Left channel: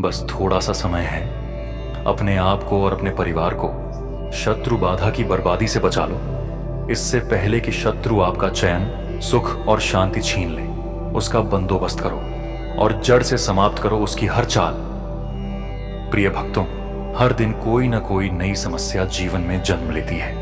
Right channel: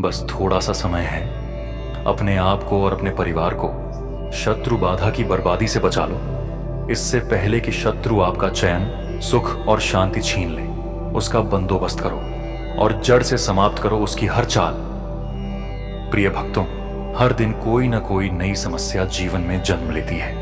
बस थोड़ा सा समय है। अपने आप को और अपने परिवार को शत्रु बाधा की बर्बादी से बचा लो, इससे पहले कि शत्रु आपका चैन, सुख और शांति छीन ले। उसका बंदोबस्त करो और जड़ से समाप्त करो उसकी हर चाल। प्रिय भक्तों, हर दिन कोई ना कोई नई समस्या जीवन में जन्म लेती है।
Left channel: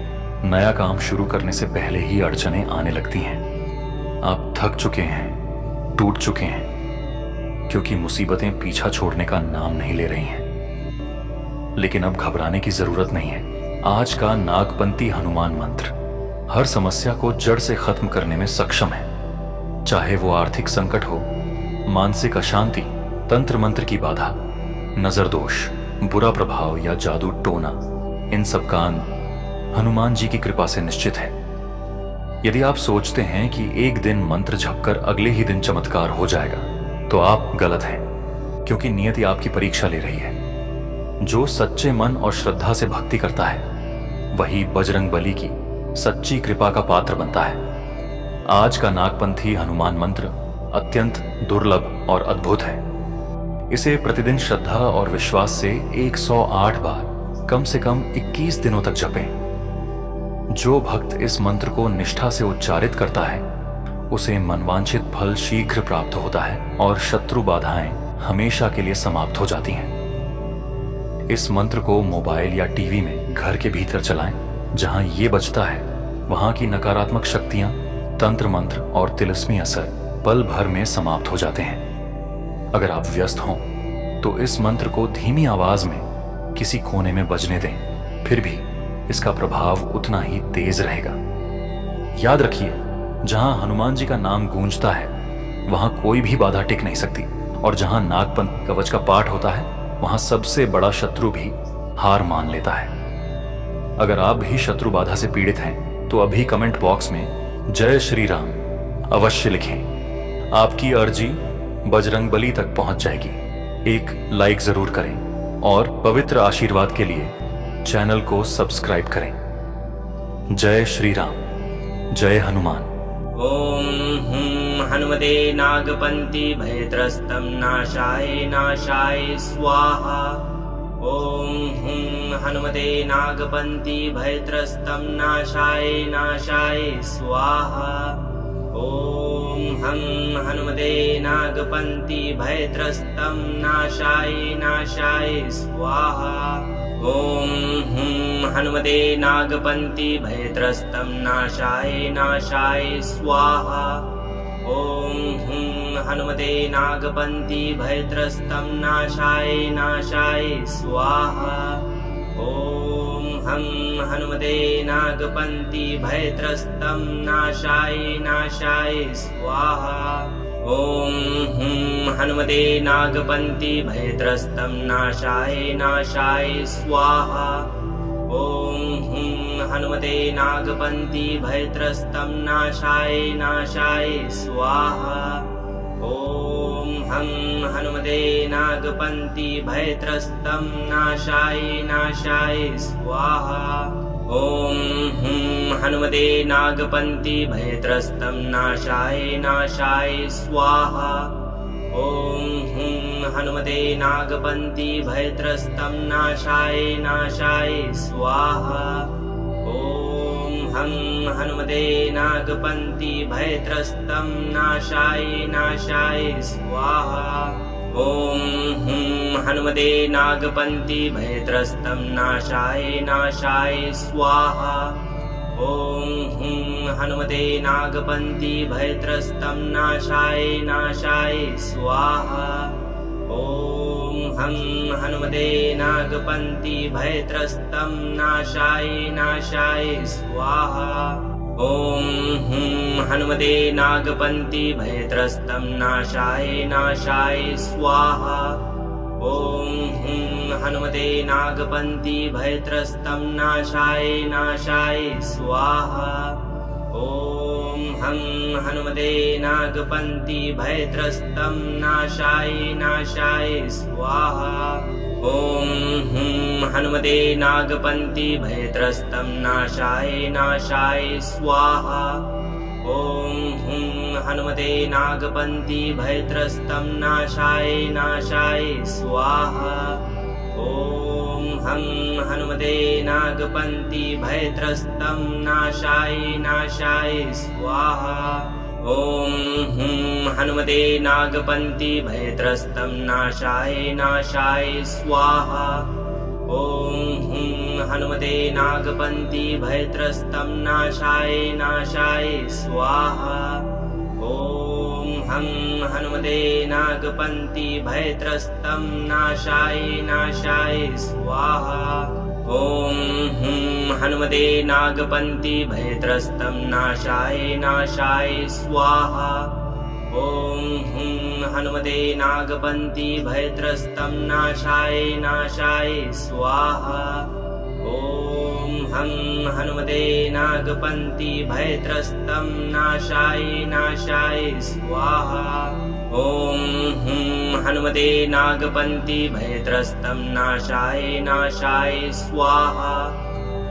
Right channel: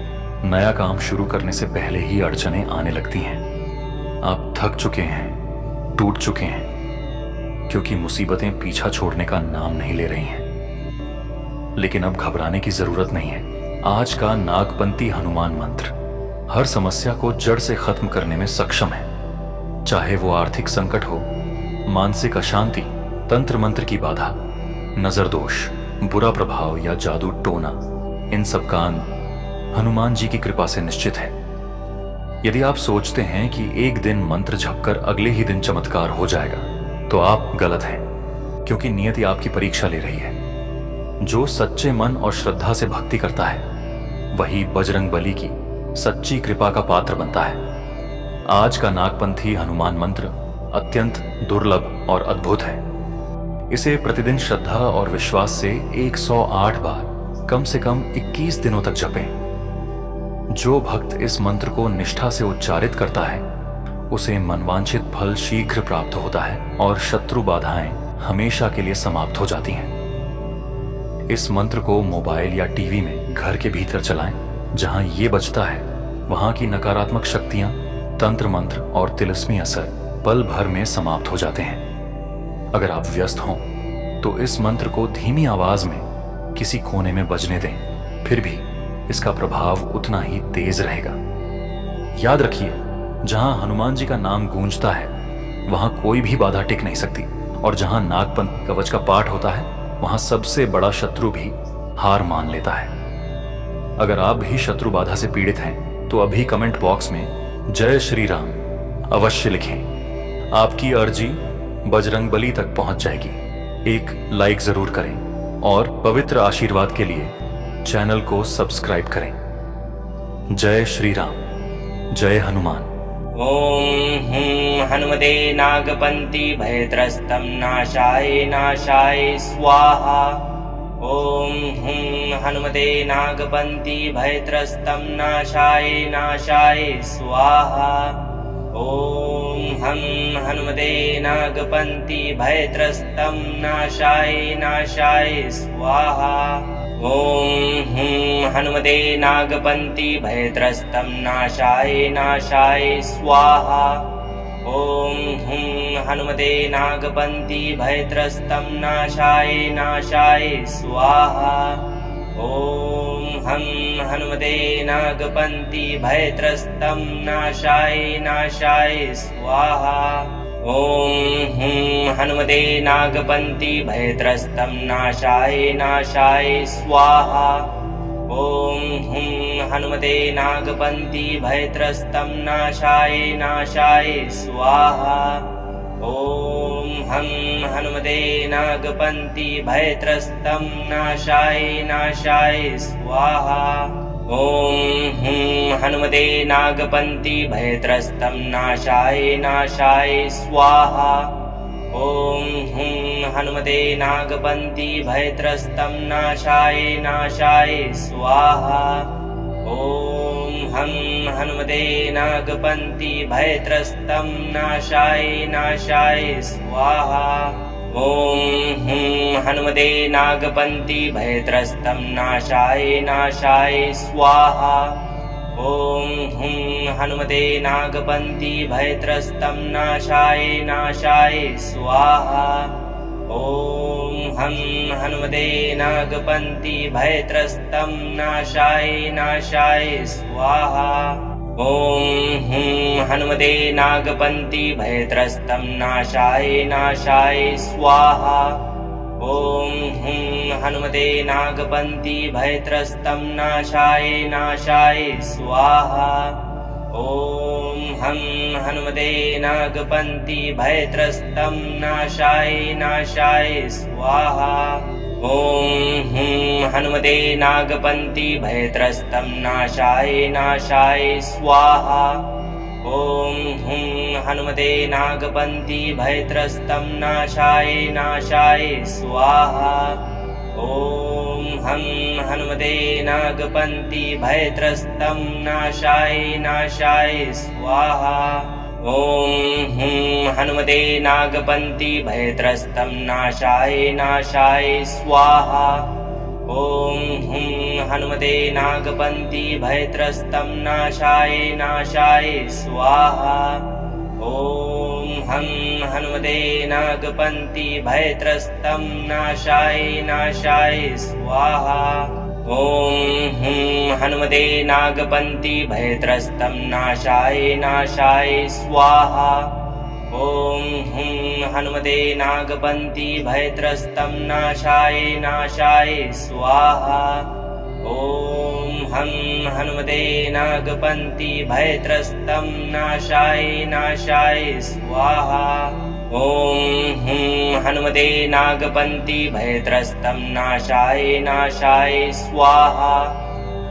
नया काम शुरू करने से पहले ही अड़चनें आने लगती हैं। आप थक चुके हैं, टूट चुके हैं, क्योंकि मुसीबतें पीछा छोड़ने का नाम नहीं ले रही हैं। लेकिन अब घबराने की जरूरत नहीं है। आज का नागपंथी हनुमान मंत्र हर समस्या को जड़ से खत्म करने में सक्षम है। चाहे वो आर्थिक संकट हो, मानसिक अशांति, तंत्र मंत्र की बाधा, नजर दोष, बुरा प्रभाव या जादू टोना, इन सब का अंत हनुमान जी की कृपा से निश्चित है। यदि आप सोचते हैं कि एक दिन मंत्र झपकर अगले ही दिन चमत्कार हो जाएगा, तो आप गलत हैं, क्योंकि नियति आपकी परीक्षा ले रही है। जो सच्चे मन और श्रद्धा से भक्ति करता है, वही बजरंग बली की सच्ची कृपा का पात्र बनता है। आज का नागपंथी हनुमान मंत्र अत्यंत दुर्लभ और अद्भुत है। इसे प्रतिदिन श्रद्धा और विश्वास से 108 बार कम से कम 21 दिनों तक जपें। जो भक्त इस मंत्र को निष्ठा से उच्चारित करता है, उसे मनवांछित फल शीघ्र प्राप्त होता है और शत्रु बाधाएं हमेशा के लिए समाप्त हो जाती हैं। इस मंत्र को मोबाइल या टीवी में घर के भीतर चलाएं। जहां ये बजता है, वहां की नकारात्मक शक्तियां, तंत्र मंत्र और तिलिस्मी असर पल भर में समाप्त हो जाते हैं। अगर आप व्यस्त हों तो इस मंत्र को धीमी आवाज में किसी कोने में बजने दें, फिर भी इसका प्रभाव उतना ही तेज रहेगा। याद रखिए, जहां हनुमान जी का नाम गूंजता है, वहां कोई भी बाधा टिक नहीं सकती, और जहां नागपंथ कवच का पाठ होता है, वहां सबसे बड़ा शत्रु भी हार मान लेता है। अगर आप भी शत्रु बाधा से पीड़ित हैं, तो अभी कमेंट बॉक्स में जय श्री राम अवश्य लिखें। आपकी अर्जी बजरंग बली तक पहुंच जाएगी। एक लाइक जरूर करें और पवित्र आशीर्वाद के लिए चैनल को सब्सक्राइब करें। जय श्री राम, जय हनुमान। ओम हुं हनुमते नागपंथी भयत्रस्तं नाशाय नाशाय स्वाहा। ओम हुं हनुमते नागपंथी भयत्रस्तं नाशाय नाशाय स्वाहा। ओम हं हनुमते नागपंथी भयत्रस्तं नाशाय नाशाय स्वाहा। ओम हुं हनुमते नागपंथी भयत्रस्तं नाशाय नाशाय स्वाहा। ओम हुं हनुमते नागपंथी भयत्रस्तं नाशाय नाशाय स्वाहा। ओम हं हनुमते नागपंथी भयत्रस्तं नाशाय नाशाय स्वाहा। ओम हुं हनुमते नागपंथी भयत्रस्तं नाशाय नाशाय स्वाहा। ओम हुं हनुमते नागपंथी भयत्रस्तं नाशाय नाशाय स्वाहा। ओम हं हनुमते नागपंथी भयत्रस्तं नाशाय नाशाय स्वाहा। ओम हुं हनुमते नागपंथी भयत्रस्तं नाशाय नाशाय स्वाहा। ओम हुं हनुमते नागपंथी भयत्रस्तं नाशाय नाशाय स्वाहा। ओम हं हनुमते नागपंथी भयत्रस्तं नाशाय नाशाय स्वाहा। ओम हुं हनुमते नागपंथी भयत्रस्तं नाशाय नाशाय स्वाहा। ओम हुं हनुमते नागपंथी भयत्रस्तं नाशाय नाशाय स्वाहा। ओम हं हनुमते नागपंथी भयत्रस्तं नाशाय नाशाय स्वाहा। ओम हुं हनुमते नागपंथी भयत्रस्तं नाशाय नाशाय स्वाहा। ओम हुं हनुमते नागपंथी भयत्रस्तं नाशाय नाशाय स्वाहा। ओम हं हनुमते नागपंथी भयत्रस्तं नाशाय नाशाय स्वाहा। ओम हुं हनुमते नागपंथी भयत्रस्तं नाशाय नाशाय स्वाहा। ॐ हुं हनुमते नागपन्थी भयत्रस्तं नाशाय नाशाय स्वाहा। ॐ हं हनुमते नागपन्थी भयत्रस्तं नाशाय नाशाय स्वाहा। ॐ हुं हनुमते नागपन्थी भयत्रस्तं नाशाय नाशाय स्वाहा। ॐ हुं हनुमते नागपन्थी भयत्रस्तं नाशाय नाशाय स्वाहा। ॐ हं हनुमते नागपन्थी भयत्रस्तं नाशाय नाशाय स्वाहा। ॐ हुं हनुमते नागपन्थी भयत्रस्तं नाशाय नाशाय स्वाहा। ॐ हुं हनुमते नागपन्थी भयत्रस्तं नाशाय नाशाय स्वाहा। ॐ हं हनुमते नागपन्थी भयत्रस्तं नाशाय नाशाय स्वाहा। ॐ हुं हनुमते नागपन्थी भयत्रस्तं नाशाय नाशाय स्वाहा।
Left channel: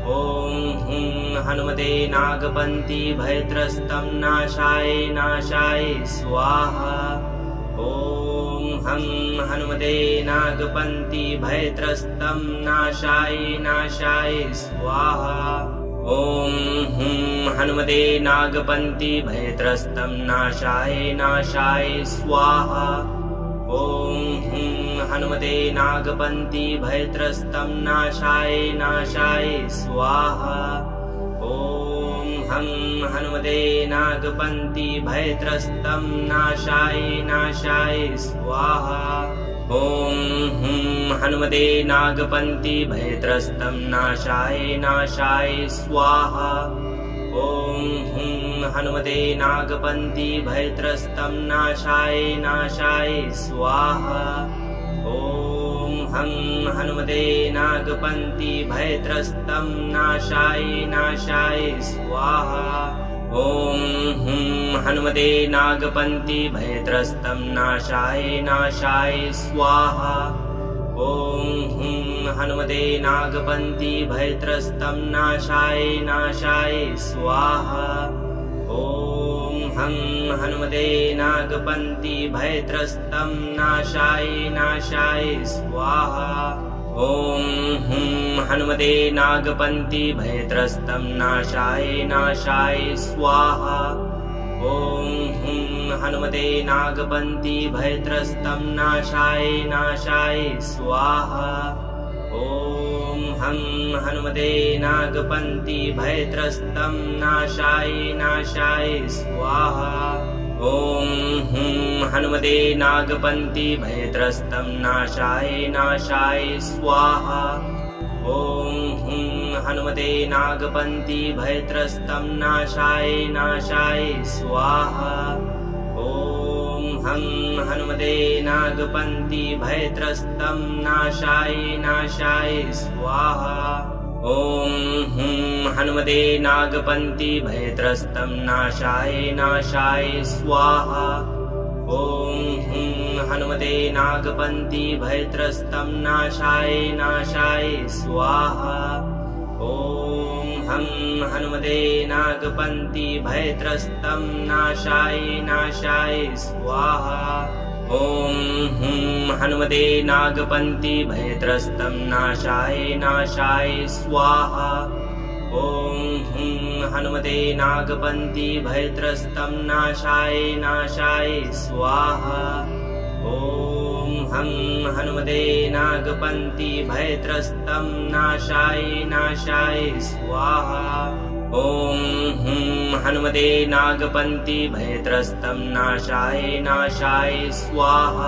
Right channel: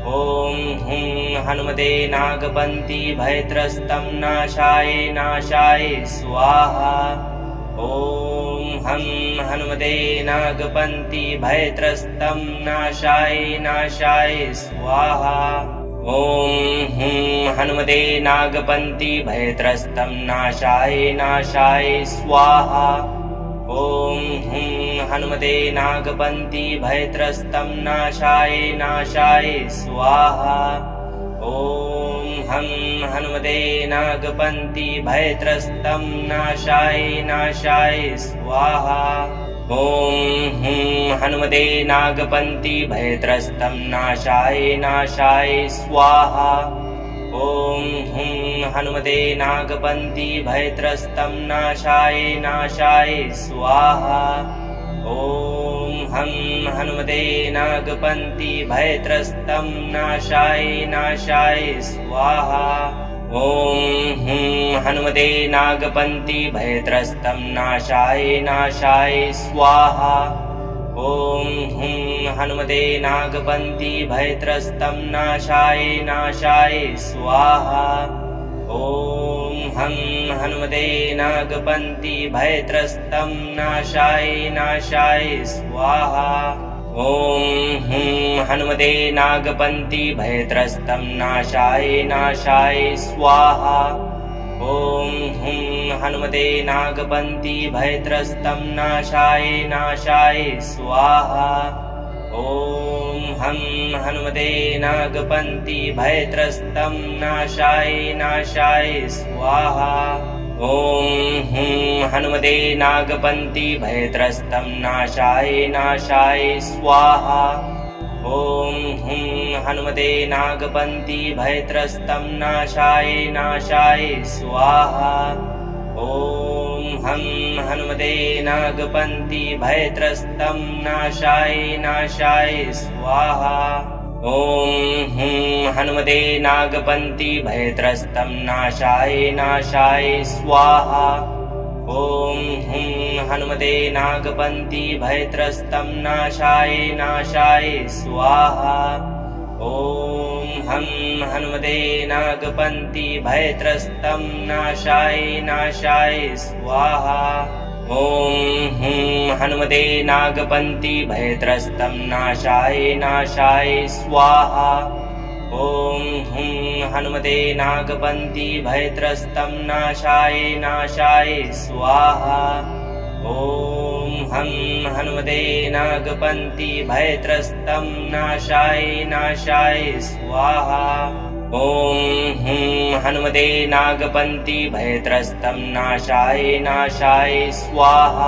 ॐ हुं हनुमते नागपन्थी भयत्रस्तं नाशाय नाशाय स्वाहा। ॐ हं हनुमते नागपन्थी भयत्रस्तं नाशाय नाशाय स्वाहा। ॐ हुं हनुमते नागपन्थी भयत्रस्तं नाशाय नाशाय स्वाहा। ॐ हुं हनुमते नागपन्थी भयत्रस्तं नाशाय नाशाय स्वाहा। ॐ हं हनुमते नागपन्थी भयत्रस्तं नाशाय नाशाय स्वाहा। ॐ हुं हनुमते नागपन्थी भयत्रस्तं नाशाय नाशाय स्वाहा। ॐ हुं हनुमते नागपन्थी भयत्रस्तं नाशाय नाशाय स्वाहा। ॐ हं हनुमते नागपन्थी भयत्रस्तं नाशाय नाशाय स्वाहा। ॐ हुं हनुमते नागपन्थी भयत्रस्तं नाशाय नाशाय स्वाहा। ॐ हुं हनुमते नागपन्थी भयत्रस्तं नाशाय नाशाय स्वाहा। ॐ हं हनुमते नागपन्थी भयत्रस्तं नाशाय नाशाय स्वाहा। ॐ हुं हनुमते नागपन्थी भयत्रस्तं नाशाय नाशाय स्वाहा। ॐ हुं हनुमते नागपन्थी भयत्रस्तं नाशाय नाशाय स्वाहा। ॐ हं हनुमते नागपन्थी भयत्रस्तं नाशाय नाशाय स्वाहा। ॐ हुं हनुमते नागपन्थी भयत्रस्तं नाशाय नाशाय स्वाहा। ॐ हुं हनुमते नागपन्थी भयत्रस्तं नाशाय नाशाय स्वाहा। ॐ हं हनुमते नागपन्थी भयत्रस्तं नाशाय नाशाय स्वाहा। ॐ हुं हनुमते नागपन्थी भयत्रस्तं नाशाय नाशाय स्वाहा। ॐ हुं हनुमते नागपन्थी भयत्रस्तं नाशाय नाशाय स्वाहा। ॐ हं हनुमते नागपन्थी भयत्रस्तं नाशाय नाशाय स्वाहा। ॐ हुं हनुमते नागपन्थी भयत्रस्तं नाशाय नाशाय स्वाहा। ॐ हुं हनुमते नागपन्थी भयत्रस्तं नाशाय नाशाय स्वाहा। ॐ हं हनुमते नागपन्थी भयत्रस्तं नाशाय नाशाय स्वाहा। ॐ हुं हनुमते नागपन्थी भयत्रस्तं नाशाय नाशाय स्वाहा।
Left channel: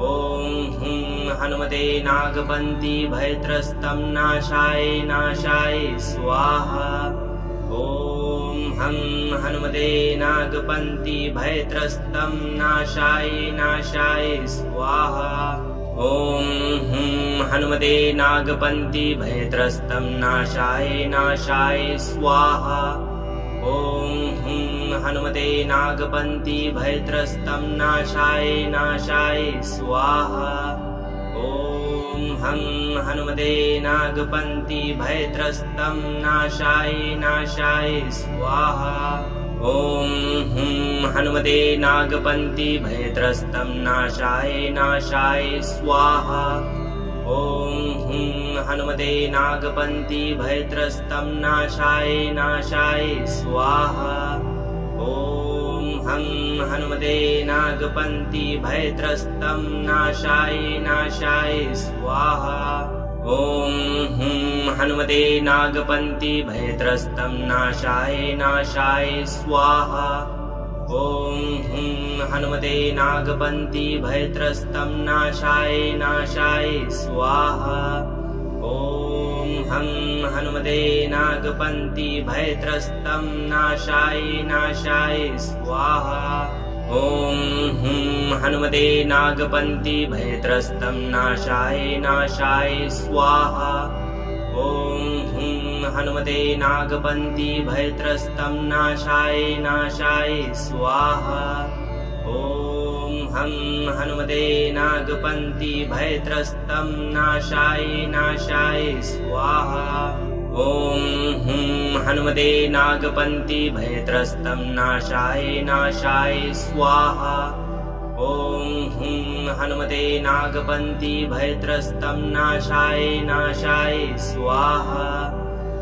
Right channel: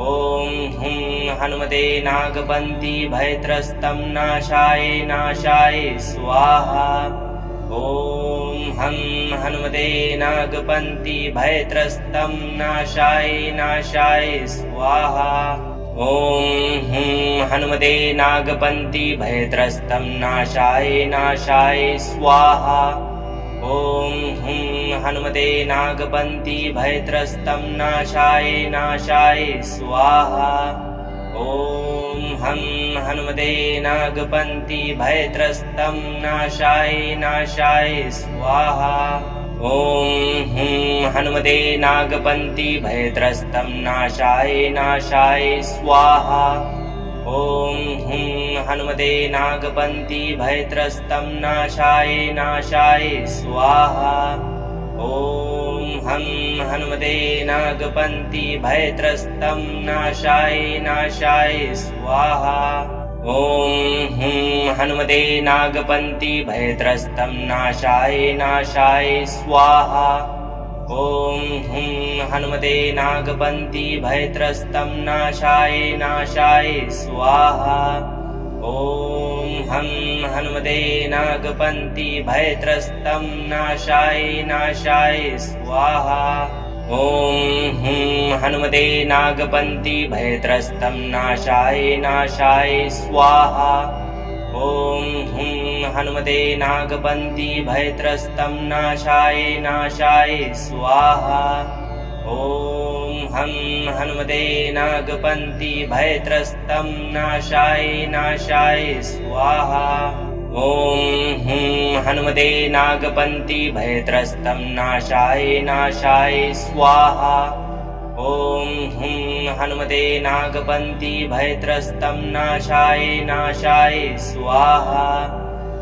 ॐ हुं हनुमते नागपन्थी भयत्रस्तं नाशाय नाशाय स्वाहा। ॐ हं हनुमते नागपन्थी भयत्रस्तं नाशाय नाशाय स्वाहा। ॐ हुं हनुमते नागपन्थी भयत्रस्तं नाशाय नाशाय स्वाहा। ॐ हुं हनुमते नागपन्थी भयत्रस्तं नाशाय नाशाय स्वाहा। ॐ हं हनुमते नागपन्थी भयत्रस्तं नाशाय नाशाय स्वाहा। ॐ हुं हनुमते नागपन्ति भयत्रस्तं नाशाय नाशाय स्वाहा। ॐ हुं हनुमते नागपन्ति भयत्रस्तं नाशाय नाशाय स्वाहा। ॐ हं हनुमते नागपन्ति भयत्रस्तं नाशाय नाशाय स्वाहा। ॐ हुं हनुमते नागपन्ति भयत्रस्तं नाशाय नाशाय स्वाहा। ॐ हुं हनुमते नागपन्ति भयत्रस्तं नाशाय नाशाय स्वाहा। ॐ हं हनुमते नागपन्ति भयत्रस्तं नाशाय नाशाय स्वाहा। ॐ हुं हनुमते नागपन्ति भयत्रस्तं नाशाय नाशाय स्वाहा। ॐ हुं हनुमते नागपन्ति भयत्रस्तं नाशाय नाशाय स्वाहा। ॐ हं हनुमते नागपन्ति भयत्रस्तं नाशाय नाशाय स्वाहा। ॐ हुं हनुमते नागपन्ति भयत्रस्तं नाशाय नाशाय स्वाहा। ॐ हुं हनुमते नागपन्ति भयत्रस्तं नाशाय नाशाय स्वाहा।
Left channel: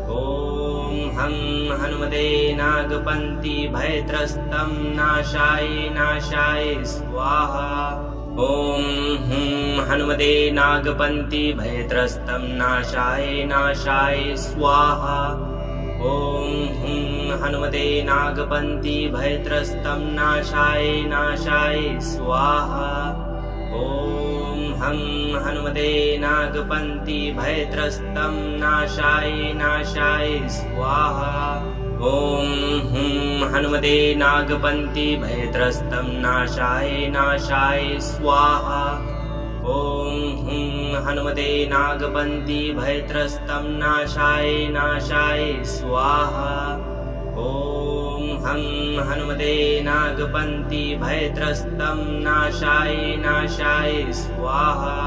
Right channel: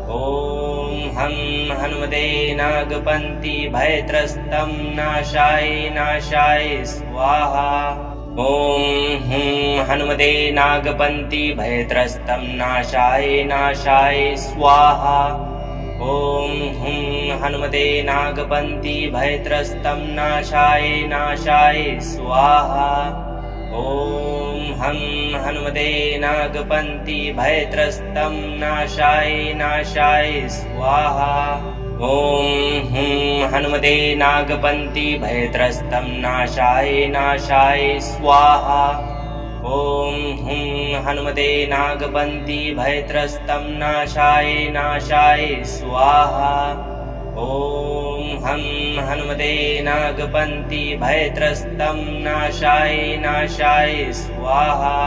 ॐ हं हनुमते नागपन्ति भयत्रस्तं नाशाय नाशाय स्वाहा। ॐ हुं हनुमते नागपन्ति भयत्रस्तं नाशाय नाशाय स्वाहा। ॐ हुं हनुमते नागपन्ति भयत्रस्तं नाशाय नाशाय स्वाहा। ॐ हं हनुमते नागपन्ति भयत्रस्तं नाशाय नाशाय स्वाहा। ॐ हुं हनुमते नागपन्ति भयत्रस्तं नाशाय नाशाय स्वाहा। ॐ हुं हनुमते नागपन्ति भयत्रस्तं नाशाय नाशाय स्वाहा। ॐ हं हनुमते नागपन्ति भयत्रस्तं नाशाय नाशाय स्वाहा।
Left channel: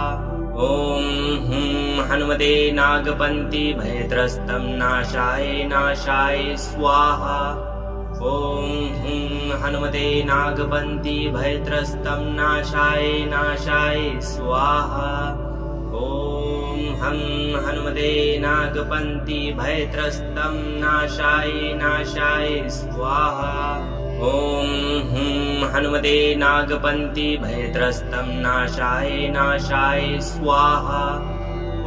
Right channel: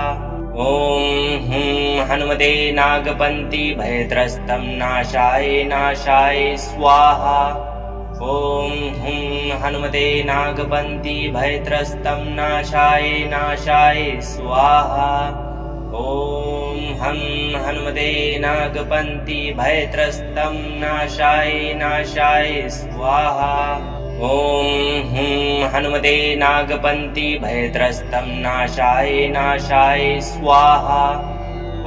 ॐ हुं हनुमते नागपन्ति भयत्रस्तं नाशाय नाशाय स्वाहा। ॐ हुं हनुमते नागपन्ति भयत्रस्तं नाशाय नाशाय स्वाहा। ॐ हं हनुमते नागपन्ति भयत्रस्तं नाशाय नाशाय स्वाहा। ॐ हुं हनुमते नागपन्ति भयत्रस्तं नाशाय नाशाय स्वाहा।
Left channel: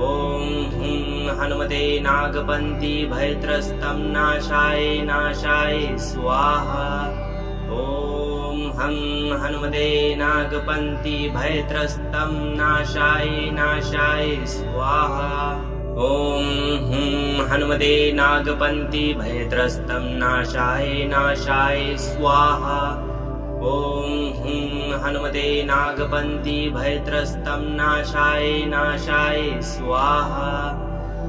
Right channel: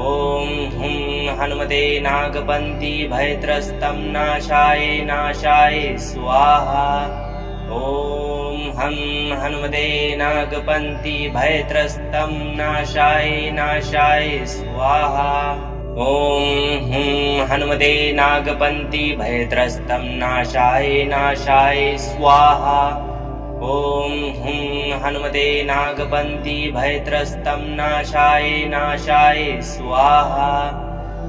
ॐ हुं हनुमते नागपन्ति भयत्रस्तं नाशाय नाशाय स्वाहा। ॐ हं हनुमते नागपन्ति भयत्रस्तं नाशाय नाशाय स्वाहा। ॐ हुं हनुमते नागपन्ति भयत्रस्तं नाशाय नाशाय स्वाहा। ॐ हुं हनुमते नागपन्ति भयत्रस्तं नाशाय नाशाय स्वाहा।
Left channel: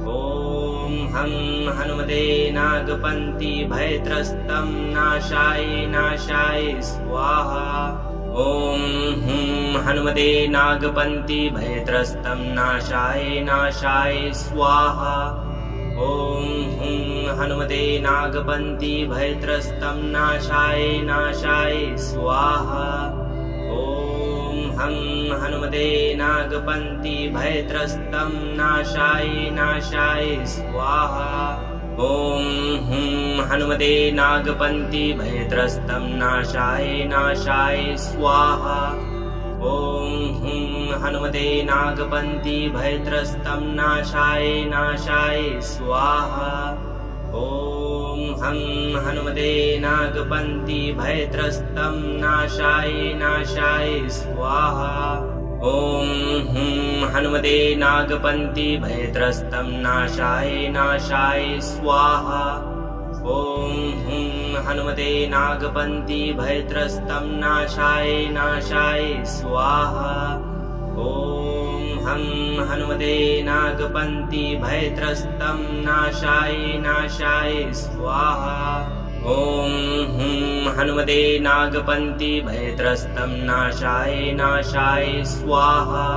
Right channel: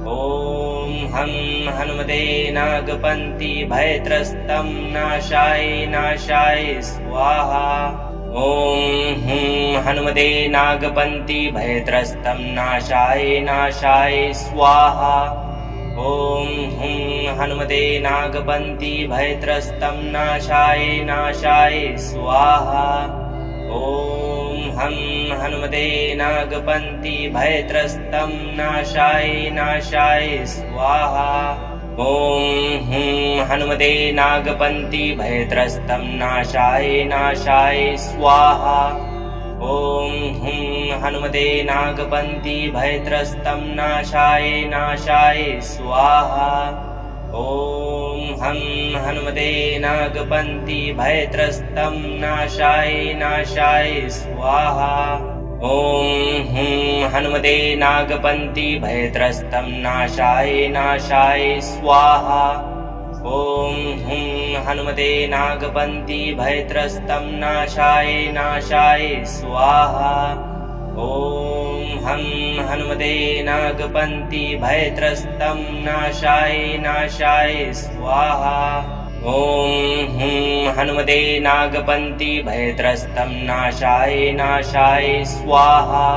ॐ हं हनुमते नागपन्ति भयत्रस्तं नाशाय नाशाय स्वाहा। ॐ हुं हनुमते नागपन्ति भयत्रस्तं नाशाय नाशाय स्वाहा। ॐ हुं हनुमते नागपन्ति भयत्रस्तं नाशाय नाशाय स्वाहा। ॐ हं हनुमते नागपन्ति भयत्रस्तं नाशाय नाशाय स्वाहा। ॐ हुं हनुमते नागपन्ति भयत्रस्तं नाशाय नाशाय स्वाहा। ॐ हुं हनुमते नागपन्ति भयत्रस्तं नाशाय नाशाय स्वाहा। ॐ हं हनुमते नागपन्ति भयत्रस्तं नाशाय नाशाय स्वाहा। ॐ हुं हनुमते नागपन्ति भयत्रस्तं नाशाय नाशाय स्वाहा। ॐ हुं हनुमते नागपन्ति भयत्रस्तं नाशाय नाशाय स्वाहा। ॐ हं हनुमते नागपन्ति भयत्रस्तं नाशाय नाशाय स्वाहा। ॐ हुं हनुमते नागपन्ति भयत्रस्तं नाशाय नाशाय स्वाहा।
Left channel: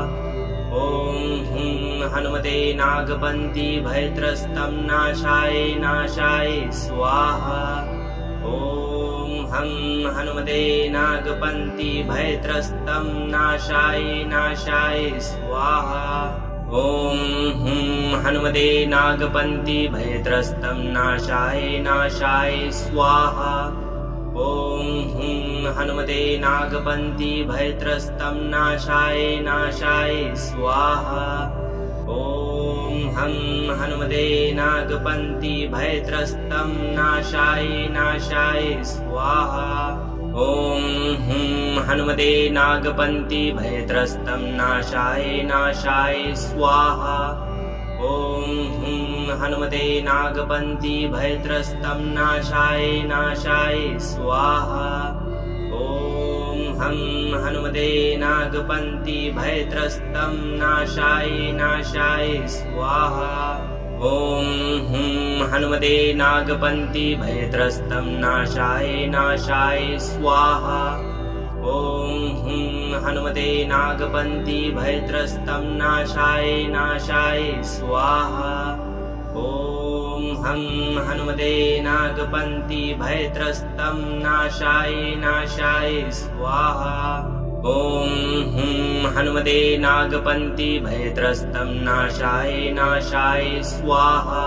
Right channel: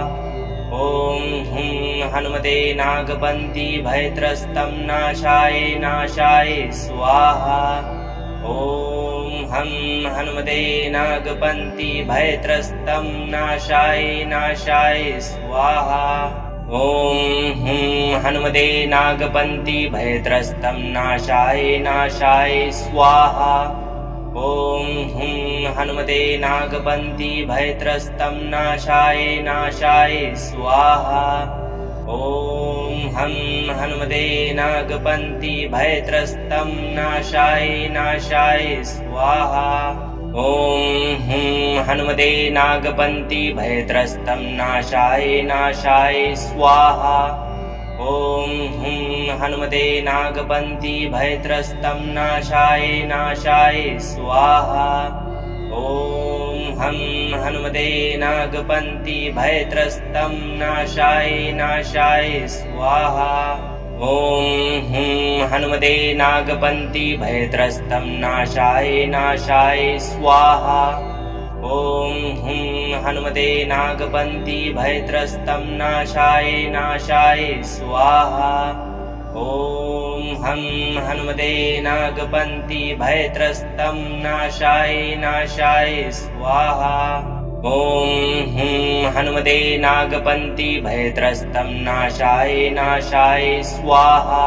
ॐ हुं हनुमते नागपन्ति भयत्रस्तं नाशाय नाशाय स्वाहा। ॐ हं हनुमते नागपन्ति भयत्रस्तं नाशाय नाशाय स्वाहा। ॐ हुं हनुमते नागपन्ति भयत्रस्तं नाशाय नाशाय स्वाहा। ॐ हुं हनुमते नागपन्ति भयत्रस्तं नाशाय नाशाय स्वाहा। ॐ हं हनुमते नागपन्ति भयत्रस्तं नाशाय नाशाय स्वाहा। ॐ हुं हनुमते नागपन्ति भयत्रस्तं नाशाय नाशाय स्वाहा। ॐ हुं हनुमते नागपन्ति भयत्रस्तं नाशाय नाशाय स्वाहा। ॐ हं हनुमते नागपन्ति भयत्रस्तं नाशाय नाशाय स्वाहा। ॐ हुं हनुमते नागपन्ति भयत्रस्तं नाशाय नाशाय स्वाहा। ॐ हुं हनुमते नागपन्ति भयत्रस्तं नाशाय नाशाय स्वाहा। ॐ हं हनुमते नागपन्ति भयत्रस्तं नाशाय नाशाय स्वाहा। ॐ हुं हनुमते नागपन्ति भयत्रस्तं नाशाय नाशाय स्वाहा।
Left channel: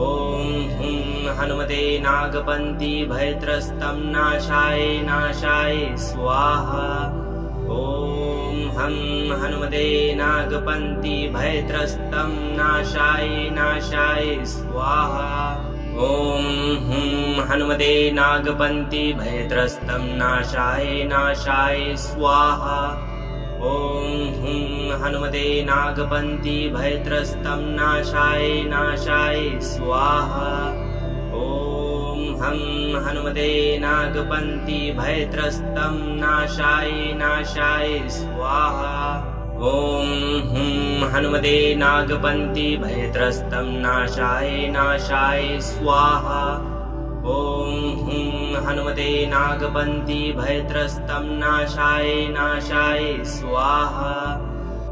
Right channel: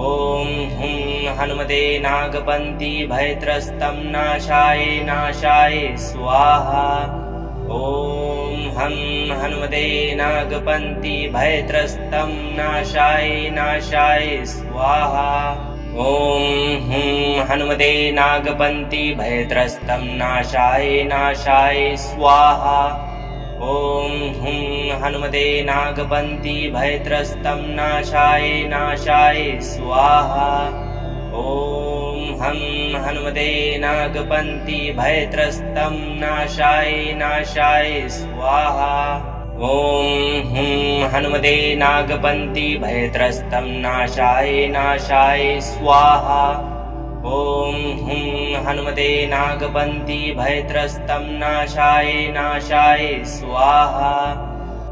ॐ हुं हनुमते नागपन्ति भयत्रस्तं नाशाय नाशाय स्वाहा। ॐ हं हनुमते नागपन्ति भयत्रस्तं नाशाय नाशाय स्वाहा। ॐ हुं हनुमते नागपन्ति भयत्रस्तं नाशाय नाशाय स्वाहा। ॐ हुं हनुमते नागपन्ति भयत्रस्तं नाशाय नाशाय स्वाहा। ॐ हं हनुमते नागपन्ति भयत्रस्तं नाशाय नाशाय स्वाहा। ॐ हुं हनुमते नागपन्ति भयत्रस्तं नाशाय नाशाय स्वाहा। ॐ हुं हनुमते नागपन्ति भयत्रस्तं नाशाय नाशाय स्वाहा।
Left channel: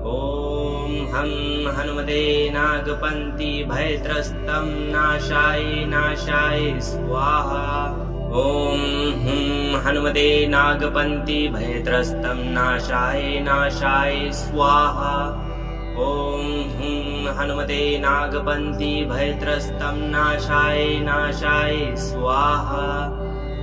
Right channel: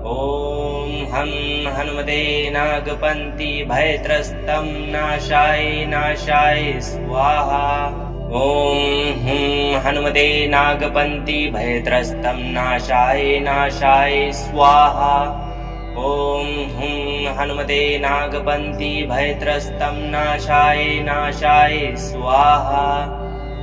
ॐ हं हनुमते नागपन्ति भयत्रस्तं नाशाय नाशाय स्वाहा। ॐ हुं हनुमते नागपन्ति भयत्रस्तं नाशाय नाशाय स्वाहा। ॐ हुं हनुमते नागपन्ति भयत्रस्तं नाशाय नाशाय स्वाहा।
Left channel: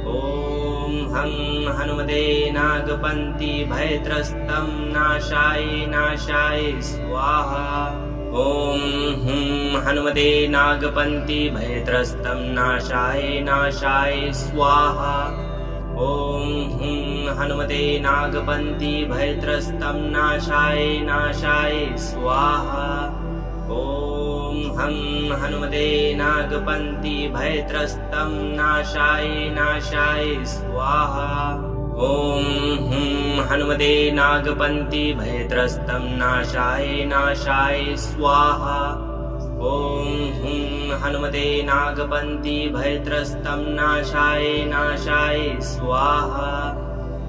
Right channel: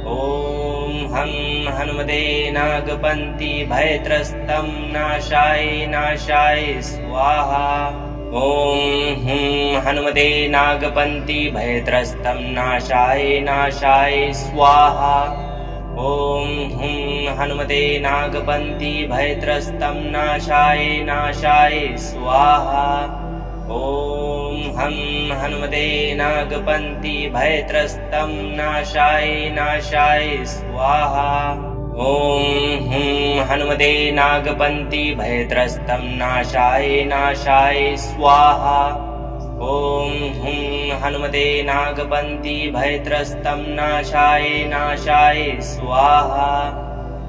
ॐ हं हनुमते नागपन्ति भयत्रस्तं नाशाय नाशाय स्वाहा। ॐ हुं हनुमते नागपन्ति भयत्रस्तं नाशाय नाशाय स्वाहा। ॐ हुं हनुमते नागपन्ति भयत्रस्तं नाशाय नाशाय स्वाहा। ॐ हं हनुमते नागपन्ति भयत्रस्तं नाशाय नाशाय स्वाहा। ॐ हुं हनुमते नागपन्ति भयत्रस्तं नाशाय नाशाय स्वाहा। ॐ हुं हनुमते नागपन्ति भयत्रस्तं नाशाय नाशाय स्वाहा।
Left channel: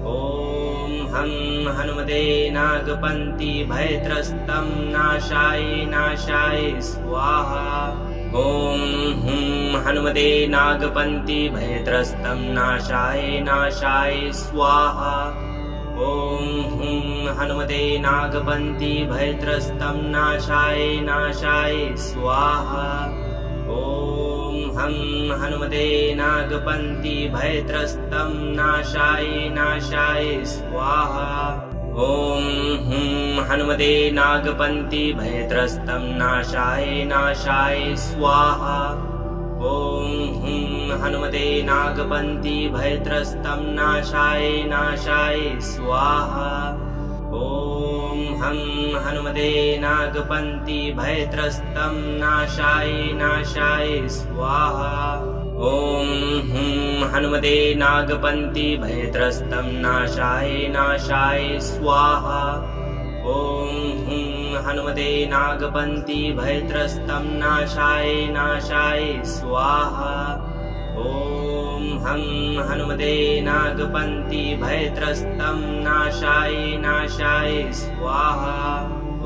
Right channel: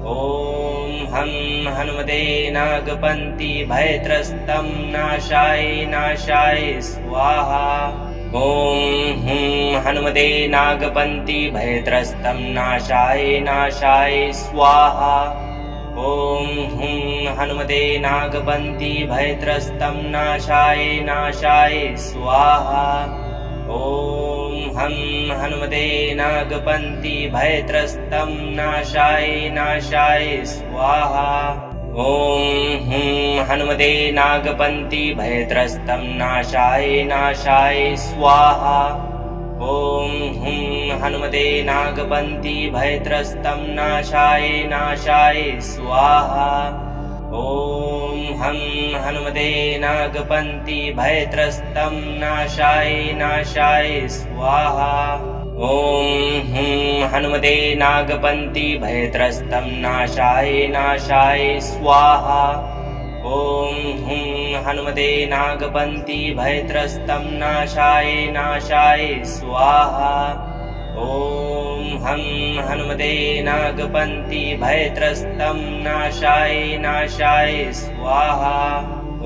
ॐ हं हनुमते नागपन्ति भयत्रस्तं नाशाय नाशाय स्वाहा। ॐ हुं हनुमते नागपन्ति भयत्रस्तं नाशाय नाशाय स्वाहा। ॐ हुं हनुमते नागपन्ति भयत्रस्तं नाशाय नाशाय स्वाहा। ॐ हं हनुमते नागपन्ति भयत्रस्तं नाशाय नाशाय स्वाहा। ॐ हुं हनुमते नागपन्ति भयत्रस्तं नाशाय नाशाय स्वाहा। ॐ हुं हनुमते नागपन्ति भयत्रस्तं नाशाय नाशाय स्वाहा। ॐ हं हनुमते नागपन्ति भयत्रस्तं नाशाय नाशाय स्वाहा। ॐ हुं हनुमते नागपन्ति भयत्रस्तं नाशाय नाशाय स्वाहा। ॐ हुं हनुमते नागपन्ति भयत्रस्तं नाशाय नाशाय स्वाहा। ॐ हं हनुमते नागपन्ति भयत्रस्तं नाशाय नाशाय स्वाहा।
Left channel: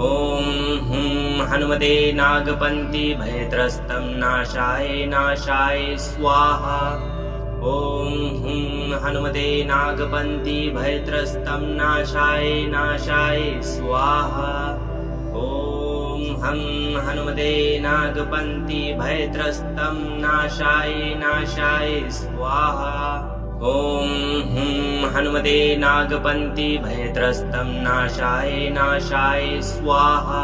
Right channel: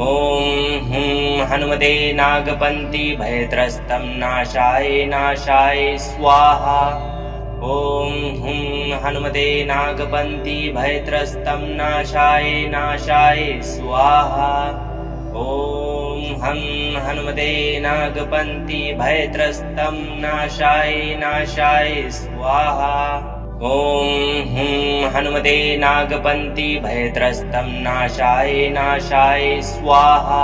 ॐ हुं हनुमते नागपन्ति भयत्रस्तं नाशाय नाशाय स्वाहा। ॐ हुं हनुमते नागपन्ति भयत्रस्तं नाशाय नाशाय स्वाहा। ॐ हं हनुमते नागपन्ति भयत्रस्तं नाशाय नाशाय स्वाहा। ॐ हुं हनुमते नागपन्ति भयत्रस्तं नाशाय नाशाय स्वाहा।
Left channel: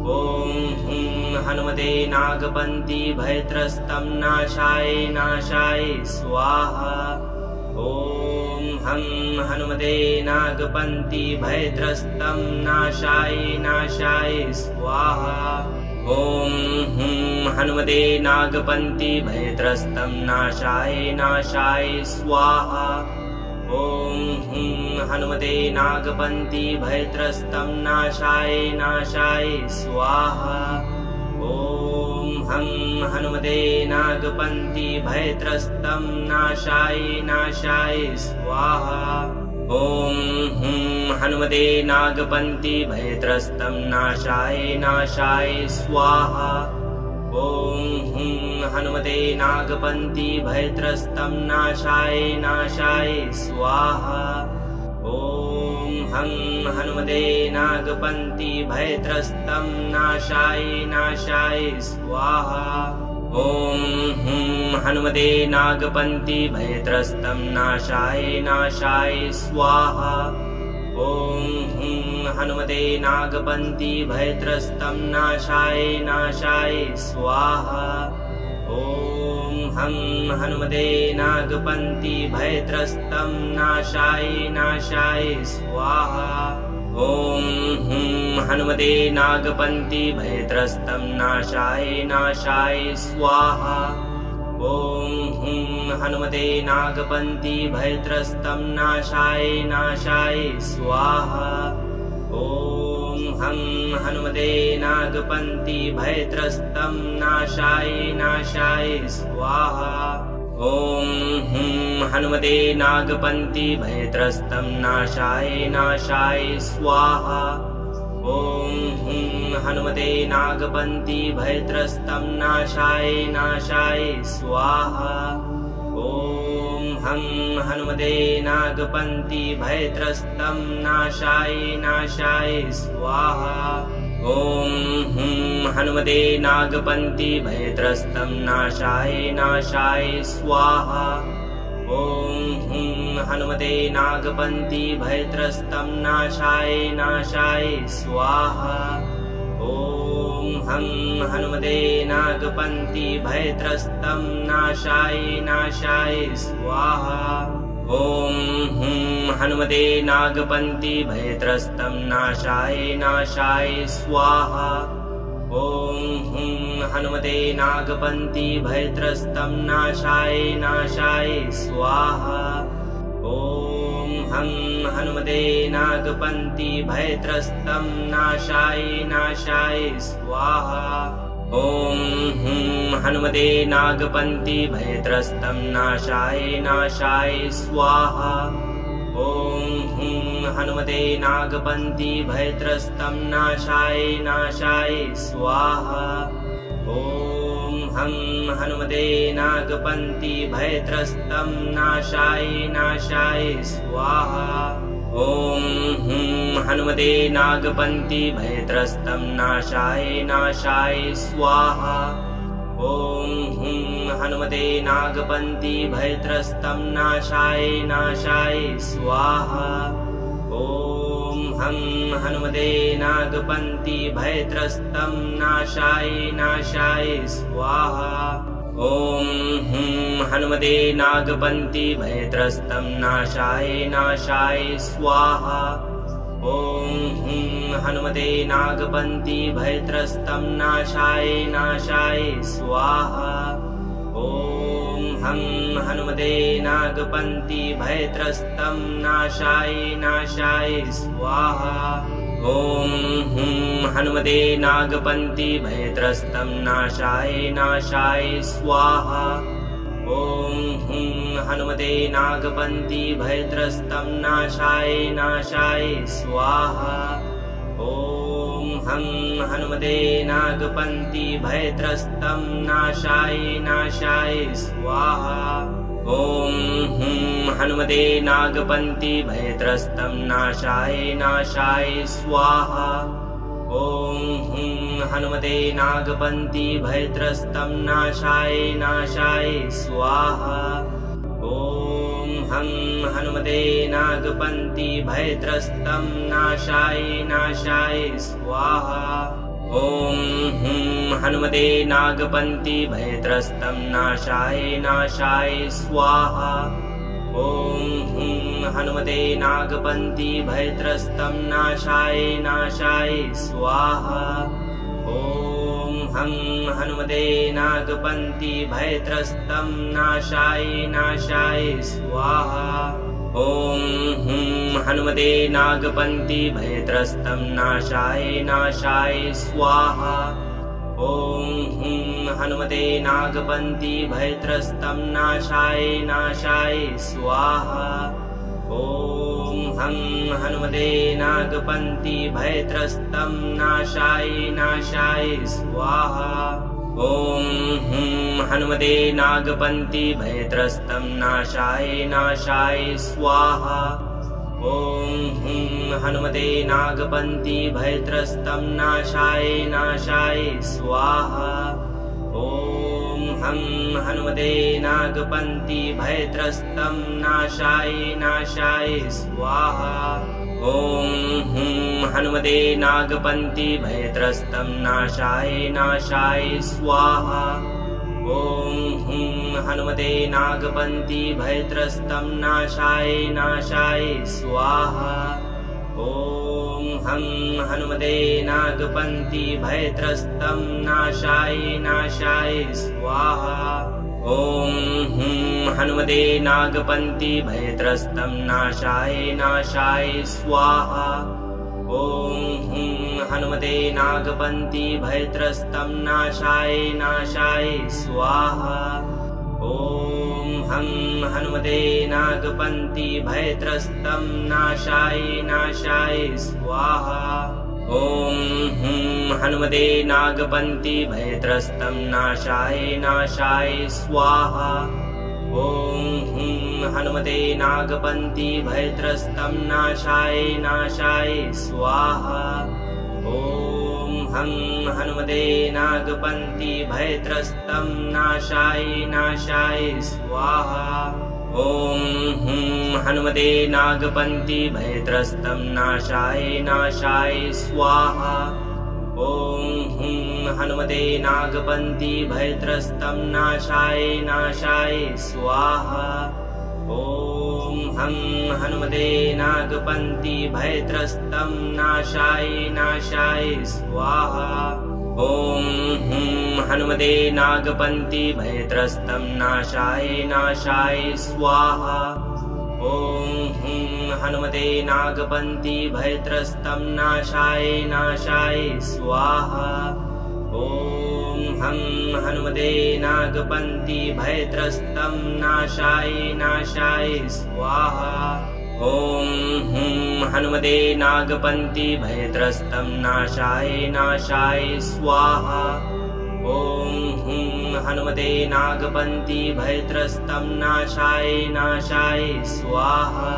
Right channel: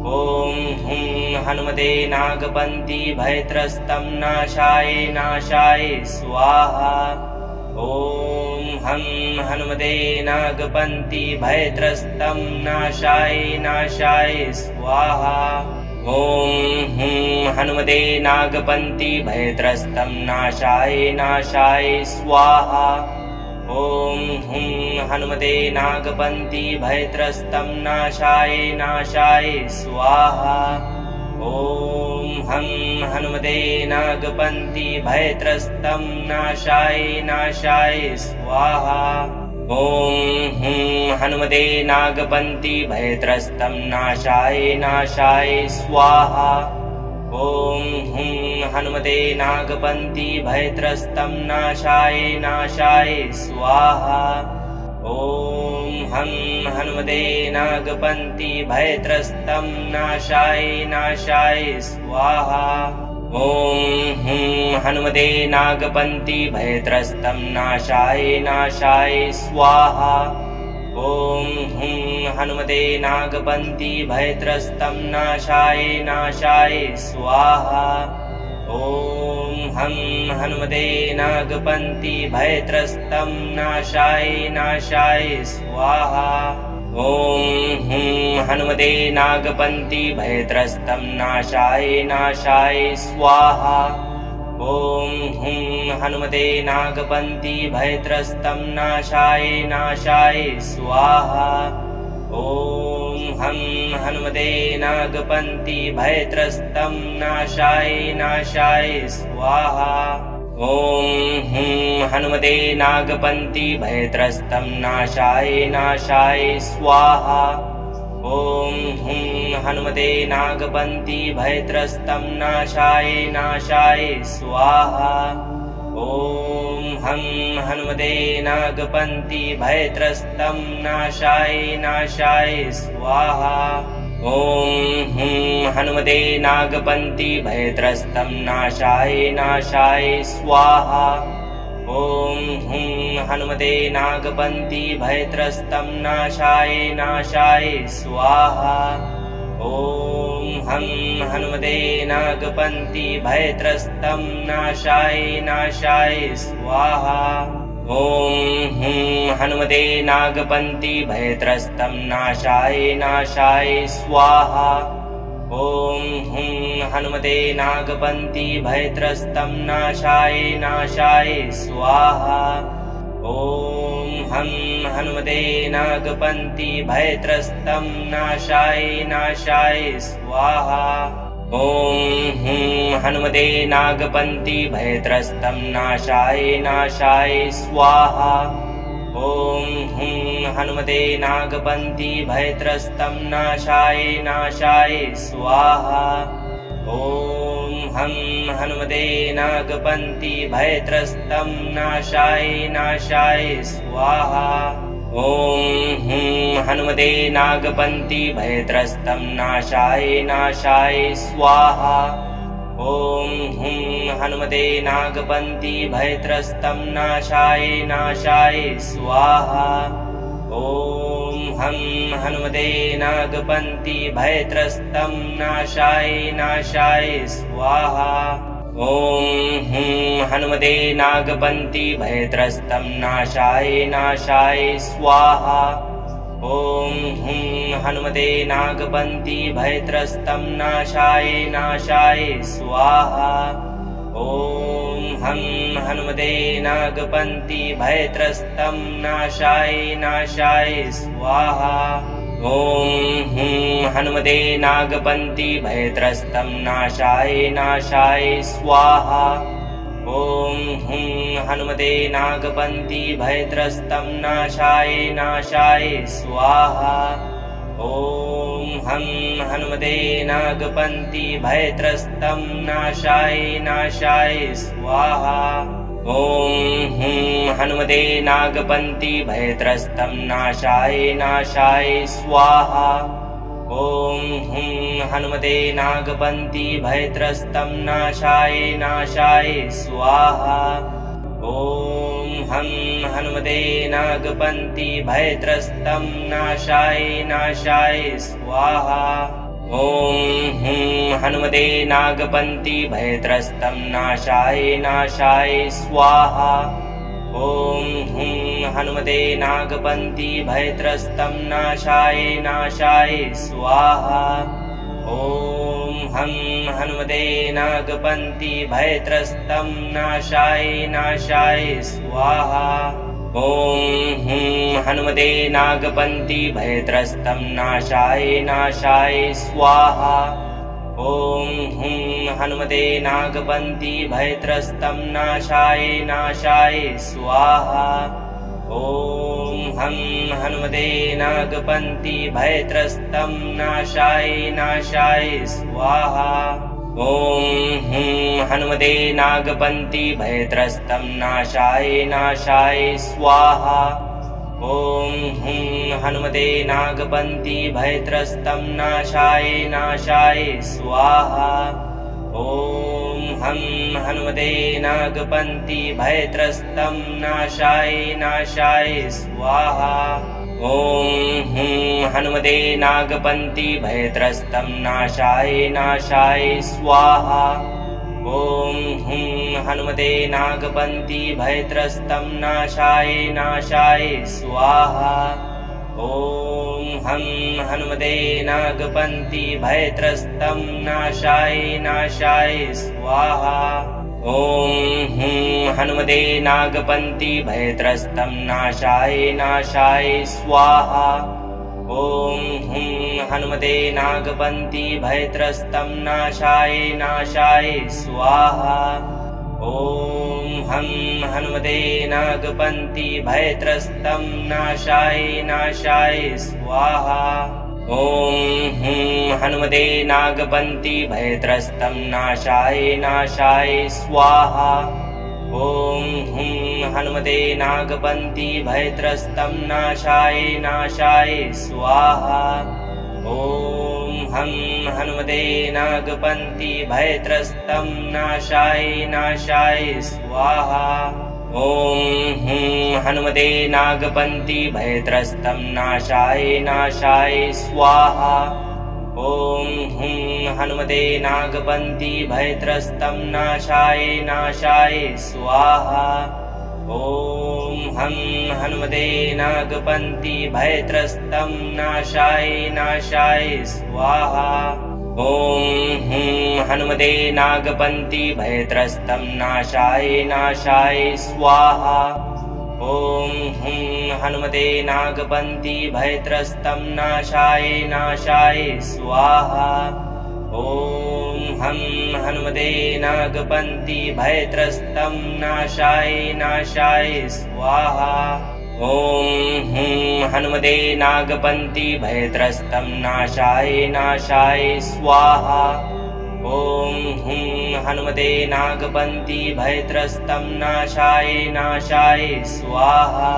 ॐ हुं हनुमते नागपन्ति भयत्रस्तं नाशाय नाशाय स्वाहा। ॐ हं हनुमते नागपन्ति भयत्रस्तं नाशाय नाशाय स्वाहा। ॐ हुं हनुमते नागपन्ति भयत्रस्तं नाशाय नाशाय स्वाहा। ॐ हुं हनुमते नागपन्ति भयत्रस्तं नाशाय नाशाय स्वाहा। ॐ हं हनुमते नागपन्ति भयत्रस्तं नाशाय नाशाय स्वाहा। ॐ हुं हनुमते नागपन्ति भयत्रस्तं नाशाय नाशाय स्वाहा। ॐ हुं हनुमते नागपन्ति भयत्रस्तं नाशाय नाशाय स्वाहा। ॐ हं हनुमते नागपन्ति भयत्रस्तं नाशाय नाशाय स्वाहा। ॐ हुं हनुमते नागपन्ति भयत्रस्तं नाशाय नाशाय स्वाहा। ॐ हुं हनुमते नागपन्ति भयत्रस्तं नाशाय नाशाय स्वाहा। ॐ हं हनुमते नागपन्ति भयत्रस्तं नाशाय नाशाय स्वाहा। ॐ हुं हनुमते नागपन्ति भयत्रस्तं नाशाय नाशाय स्वाहा। ॐ हुं हनुमते नागपन्ति भयत्रस्तं नाशाय नाशाय स्वाहा। ॐ हं हनुमते नागपन्ति भयत्रस्तं नाशाय नाशाय स्वाहा। ॐ हुं हनुमते नागपन्ति भयत्रस्तं नाशाय नाशाय स्वाहा। ॐ हुं हनुमते नागपन्ति भयत्रस्तं नाशाय नाशाय स्वाहा। ॐ हं हनुमते नागपन्ति भयत्रस्तं नाशाय नाशाय स्वाहा। ॐ हुं हनुमते नागपन्ति भयत्रस्तं नाशाय नाशाय स्वाहा। ॐ हुं हनुमते नागपन्ति भयत्रस्तं नाशाय नाशाय स्वाहा। ॐ हं हनुमते नागपन्ति भयत्रस्तं नाशाय नाशाय स्वाहा। ॐ हुं हनुमते नागपन्ति भयत्रस्तं नाशाय नाशाय स्वाहा। ॐ हुं हनुमते नागपन्ति भयत्रस्तं नाशाय नाशाय स्वाहा। ॐ हं हनुमते नागपन्ति भयत्रस्तं नाशाय नाशाय स्वाहा। ॐ हुं हनुमते नागपन्ति भयत्रस्तं नाशाय नाशाय स्वाहा। ॐ हुं हनुमते नागपन्ति भयत्रस्तं नाशाय नाशाय स्वाहा। ॐ हं हनुमते नागपन्ति भयत्रस्तं नाशाय नाशाय स्वाहा। ॐ हुं हनुमते नागपन्ति भयत्रस्तं नाशाय नाशाय स्वाहा। ॐ हुं हनुमते नागपन्ति भयत्रस्तं नाशाय नाशाय स्वाहा। ॐ हं हनुमते नागपन्ति भयत्रस्तं नाशाय नाशाय स्वाहा। ॐ हुं हनुमते नागपन्ति भयत्रस्तं नाशाय नाशाय स्वाहा। ॐ हुं हनुमते नागपन्ति भयत्रस्तं नाशाय नाशाय स्वाहा। ॐ हं हनुमते नागपन्ति भयत्रस्तं नाशाय नाशाय स्वाहा। ॐ हुं हनुमते नागपन्ति भयत्रस्तं नाशाय नाशाय स्वाहा। ॐ हुं हनुमते नागपन्ति भयत्रस्तं नाशाय नाशाय स्वाहा। ॐ हं हनुमते नागपन्ति भयत्रस्तं नाशाय नाशाय स्वाहा। ॐ हुं हनुमते नागपन्ति भयत्रस्तं नाशाय स्वाहा। ॐ हुं हनुमते नागपन्ति भयत्रस्तं नाशाय स्वाहा। ॐ हं हनुमते नागपन्ति भयत्रस्तं नाशाय स्वाहा। ॐ हुं हनुमते नागपन्ति भयत्रस्तं नाशाय स्वाहा। ॐ हुं हनुमते नागपन्ति भयत्रस्तं नाशाय स्वाहा। ॐ हं हनुमते नागपन्ति भयत्रस्तं नाशाय स्वाहा। ॐ हुं हनुमते नागपन्ति भयत्रस्तं नाशाय स्वाहा। ॐ हुं हनुमते नागपन्ति भयत्रस्तं नाशाय स्वाहा। ॐ हं हनुमते नागपन्ति भयत्रस्तं नाशाय स्वाहा। ॐ हुं हनुमते नागपन्ति भयत्रस्तं नाशाय स्वाहा। ॐ हुं हनुमते नागपन्ति भयत्रस्तं नाशाय स्वाहा। ॐ हं हनुमते नागपन्ति भयत्रस्तं नाशाय स्वाहा। ॐ हुं हनुमते नागपन्ति भयत्रस्तं नाशाय स्वाहा। ॐ हुं हनुमते नागपन्ति भयत्रस्तं नाशाय स्वाहा। ॐ हं हनुमते नागपन्ति भयत्रस्तं नाशाय स्वाहा। ॐ हुं हनुमते नागपन्ति भयत्रस्तं नाशाय स्वाहा। ॐ हुं हनुमते नागपन्ति भयत्रस्तं नाशाय स्वाहा। ॐ हं हनुमते नागपन्ति भयत्रस्तं नाशाय स्वाहा। ॐ हुं हनुमते नागपन्ति भयत्रस्तं नाशाय स्वाहा। ॐ हुं हनुमते नागपन्ति भयत्रस्तं नाशाय स्वाहा। ॐ हं हनुमते नागपन्ति भयत्रस्तं नाशाय स्वाहा। ॐ हुं हनुमते नागपन्ति भयत्रस्तं नाशाय स्वाहा। ॐ हुं हनुमते नागपन्ति भयत्रस्तं नाशाय स्वाहा। ॐ हं हनुमते नागपन्ति भयत्रस्तं नाशाय स्वाहा। ॐ हुं हनुमते नागपन्ति भयत्रस्तं नाशाय स्वाहा। ॐ हुं हनुमते नागपन्ति भयत्रस्तं नाशाय स्वाहा। ॐ हं हनुमते नागपन्ति भयत्रस्तं नाशाय स्वाहा। ॐ हुं हनुमते नागपन्ति भयत्रस्तं नाशाय स्वाहा। ॐ हुं हनुमते नागपन्ति भयत्रस्तं नाशाय स्वाहा।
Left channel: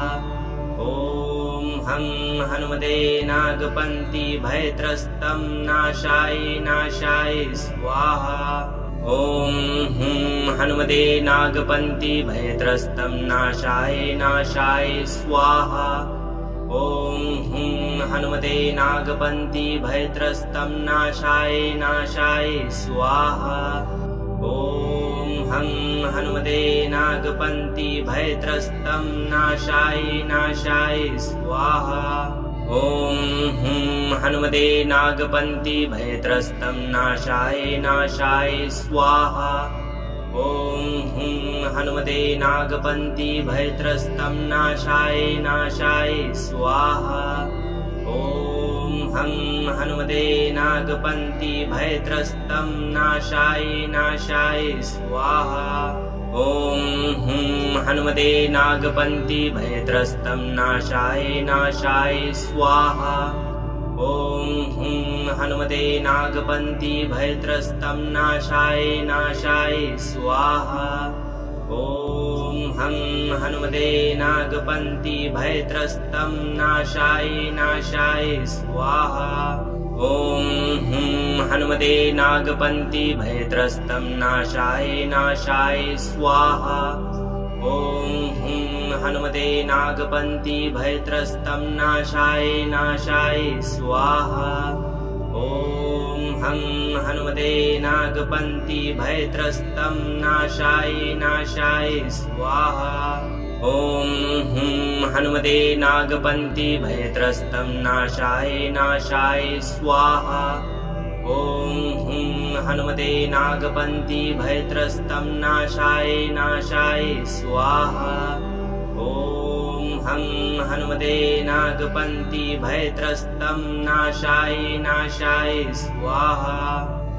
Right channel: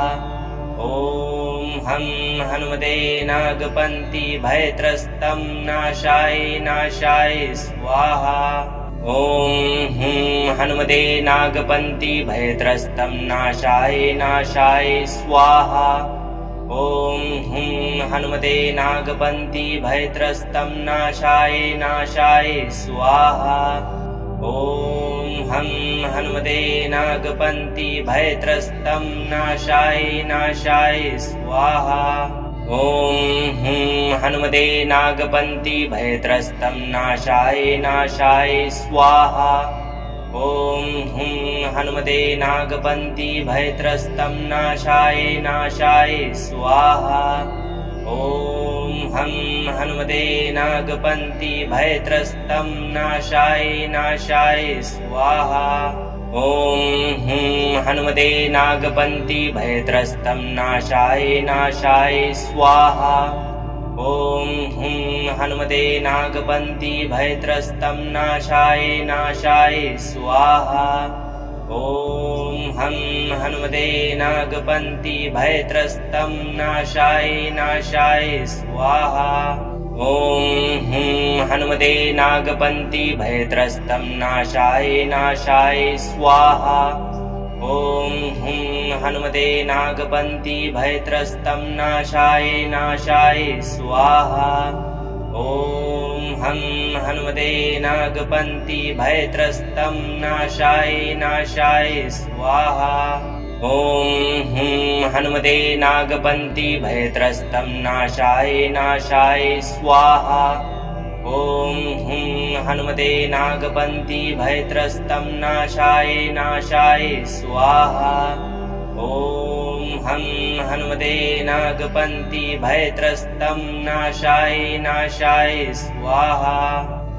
ॐ हं हनुमते नागपन्ति भयत्रस्तं नाशाय स्वाहा। ॐ हुं हनुमते नागपन्ति भयत्रस्तं नाशाय स्वाहा। ॐ हुं हनुमते नागपन्ति भयत्रस्तं नाशाय स्वाहा। ॐ हं हनुमते नागपन्ति भयत्रस्तं नाशाय स्वाहा। ॐ हुं हनुमते नागपन्ति भयत्रस्तं नाशाय स्वाहा। ॐ हुं हनुमते नागपन्ति भयत्रस्तं नाशाय स्वाहा। ॐ हं हनुमते नागपन्ति भयत्रस्तं नाशाय स्वाहा। ॐ हुं हनुमते नागपन्ति भयत्रस्तं नाशाय स्वाहा। ॐ हुं हनुमते नागपन्ति भयत्रस्तं नाशाय स्वाहा। ॐ हं हनुमते नागपन्ति भयत्रस्तं नाशाय नाशाय स्वाहा। ॐ हं हनुमते नागपन्ति भयत्रस्तं नाशाय नाशाय स्वाहा। ॐ हं हनुमते नागपन्ति भयत्रस्तं नाशाय नाशाय स्वाहा। ॐ हं हनुमते नागपन्ति भयत्रस्तं नाशाय नाशाय स्वाहा। ॐ हं हनुमते नागपन्ति भयत्रस्तं नाशाय नाशाय स्वाहा। ॐ हं हनुमते नागपन्ति भयत्रस्तं नाशाय नाशाय स्वाहा। ॐ हं हनुमते नागपन्ति भयत्रस्तं नाशाय नाशाय स्वाहा।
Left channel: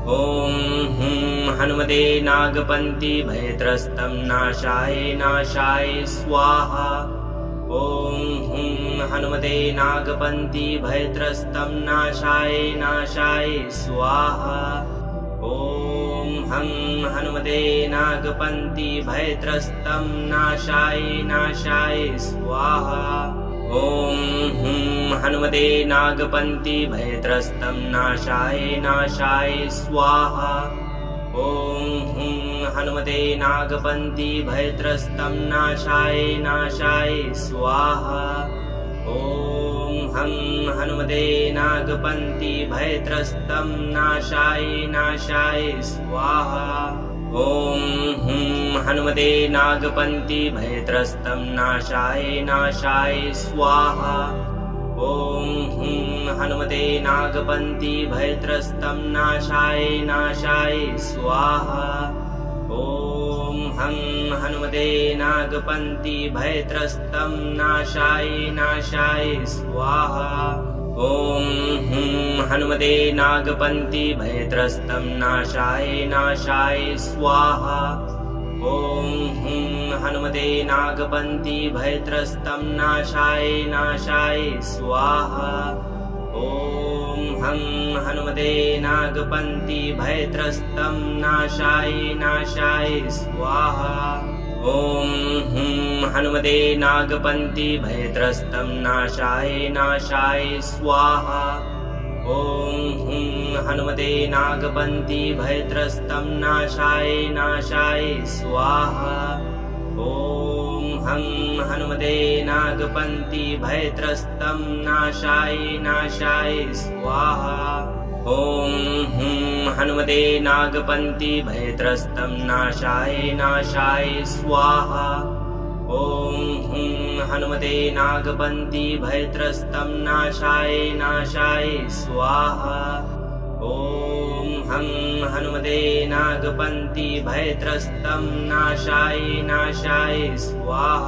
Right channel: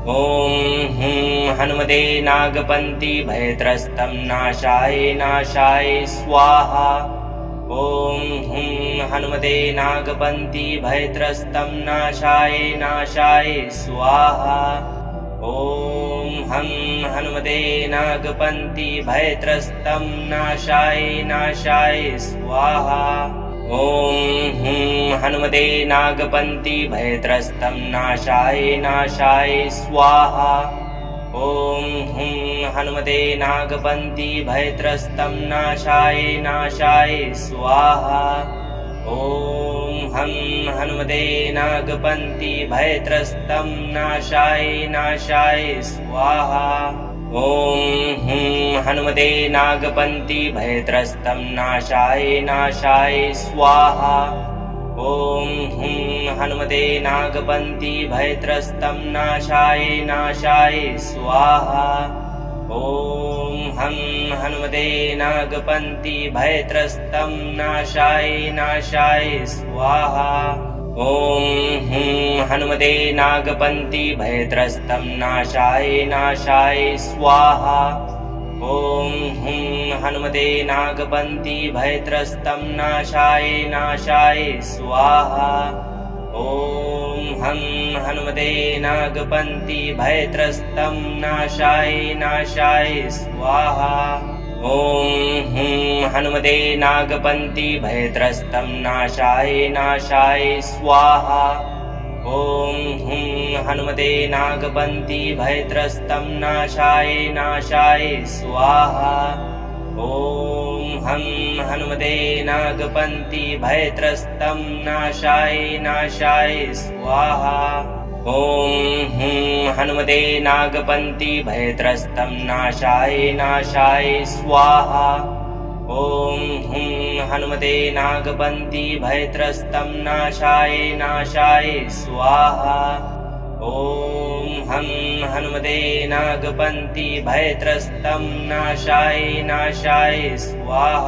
ॐ हं हनुमते नागपन्ति भयत्रस्तं नाशाय नाशाय स्वाहा। ॐ हं हनुमते नागपन्ति भयत्रस्तं नाशाय नाशाय स्वाहा। ॐ हं हनुमते नागपन्ति भयत्रस्तं नाशाय नाशाय स्वाहा। ॐ हं हनुमते नागपन्ति भयत्रस्तं नाशाय नाशाय स्वाहा। ॐ हं हनुमते नागपन्ति भयत्रस्तं नाशाय नाशाय स्वाहा। ॐ हं हनुमते नागपन्ति भयत्रस्तं नाशाय नाशाय स्वाहा। ॐ हं हनुमते नागपन्ति भयत्रस्तं नाशाय नाशाय स्वाहा। ॐ हं हनुमते नागपन्ति भयत्रस्तं नाशाय नाशाय स्वाहा। ॐ हं हनुमते नागपन्ति भयत्रस्तं नाशाय नाशाय स्वाहा। ॐ हं हनुमते नागपन्ति भयत्रस्तं नाशाय नाशाय स्वाहा। ॐ हं हनुमते नागपन्ति भयत्रस्तं नाशाय नाशाय स्वाहा। ॐ हं हनुमते नागपन्ति भयत्रस्तं नाशाय नाशाय स्वाहा। ॐ हं हनुमते नागपन्ति भयत्रस्तं नाशाय नाशाय स्वाहा। ॐ हं हनुमते नागपन्ति भयत्रस्तं नाशाय नाशाय स्वाहा। ॐ हं हनुमते नागपन्ति भयत्रस्तं नाशाय नाशाय स्वाहा। ॐ हं हनुमते नागपन्ति भयत्रस्तं नाशाय नाशाय स्वाहा। ॐ हं हनुमते नागपन्ति भयत्रस्तं नाशाय नाशाय स्वाहा। ॐ हं हनुमते नागपन्ति भयत्रस्तं नाशाय नाशाय स्वाहा।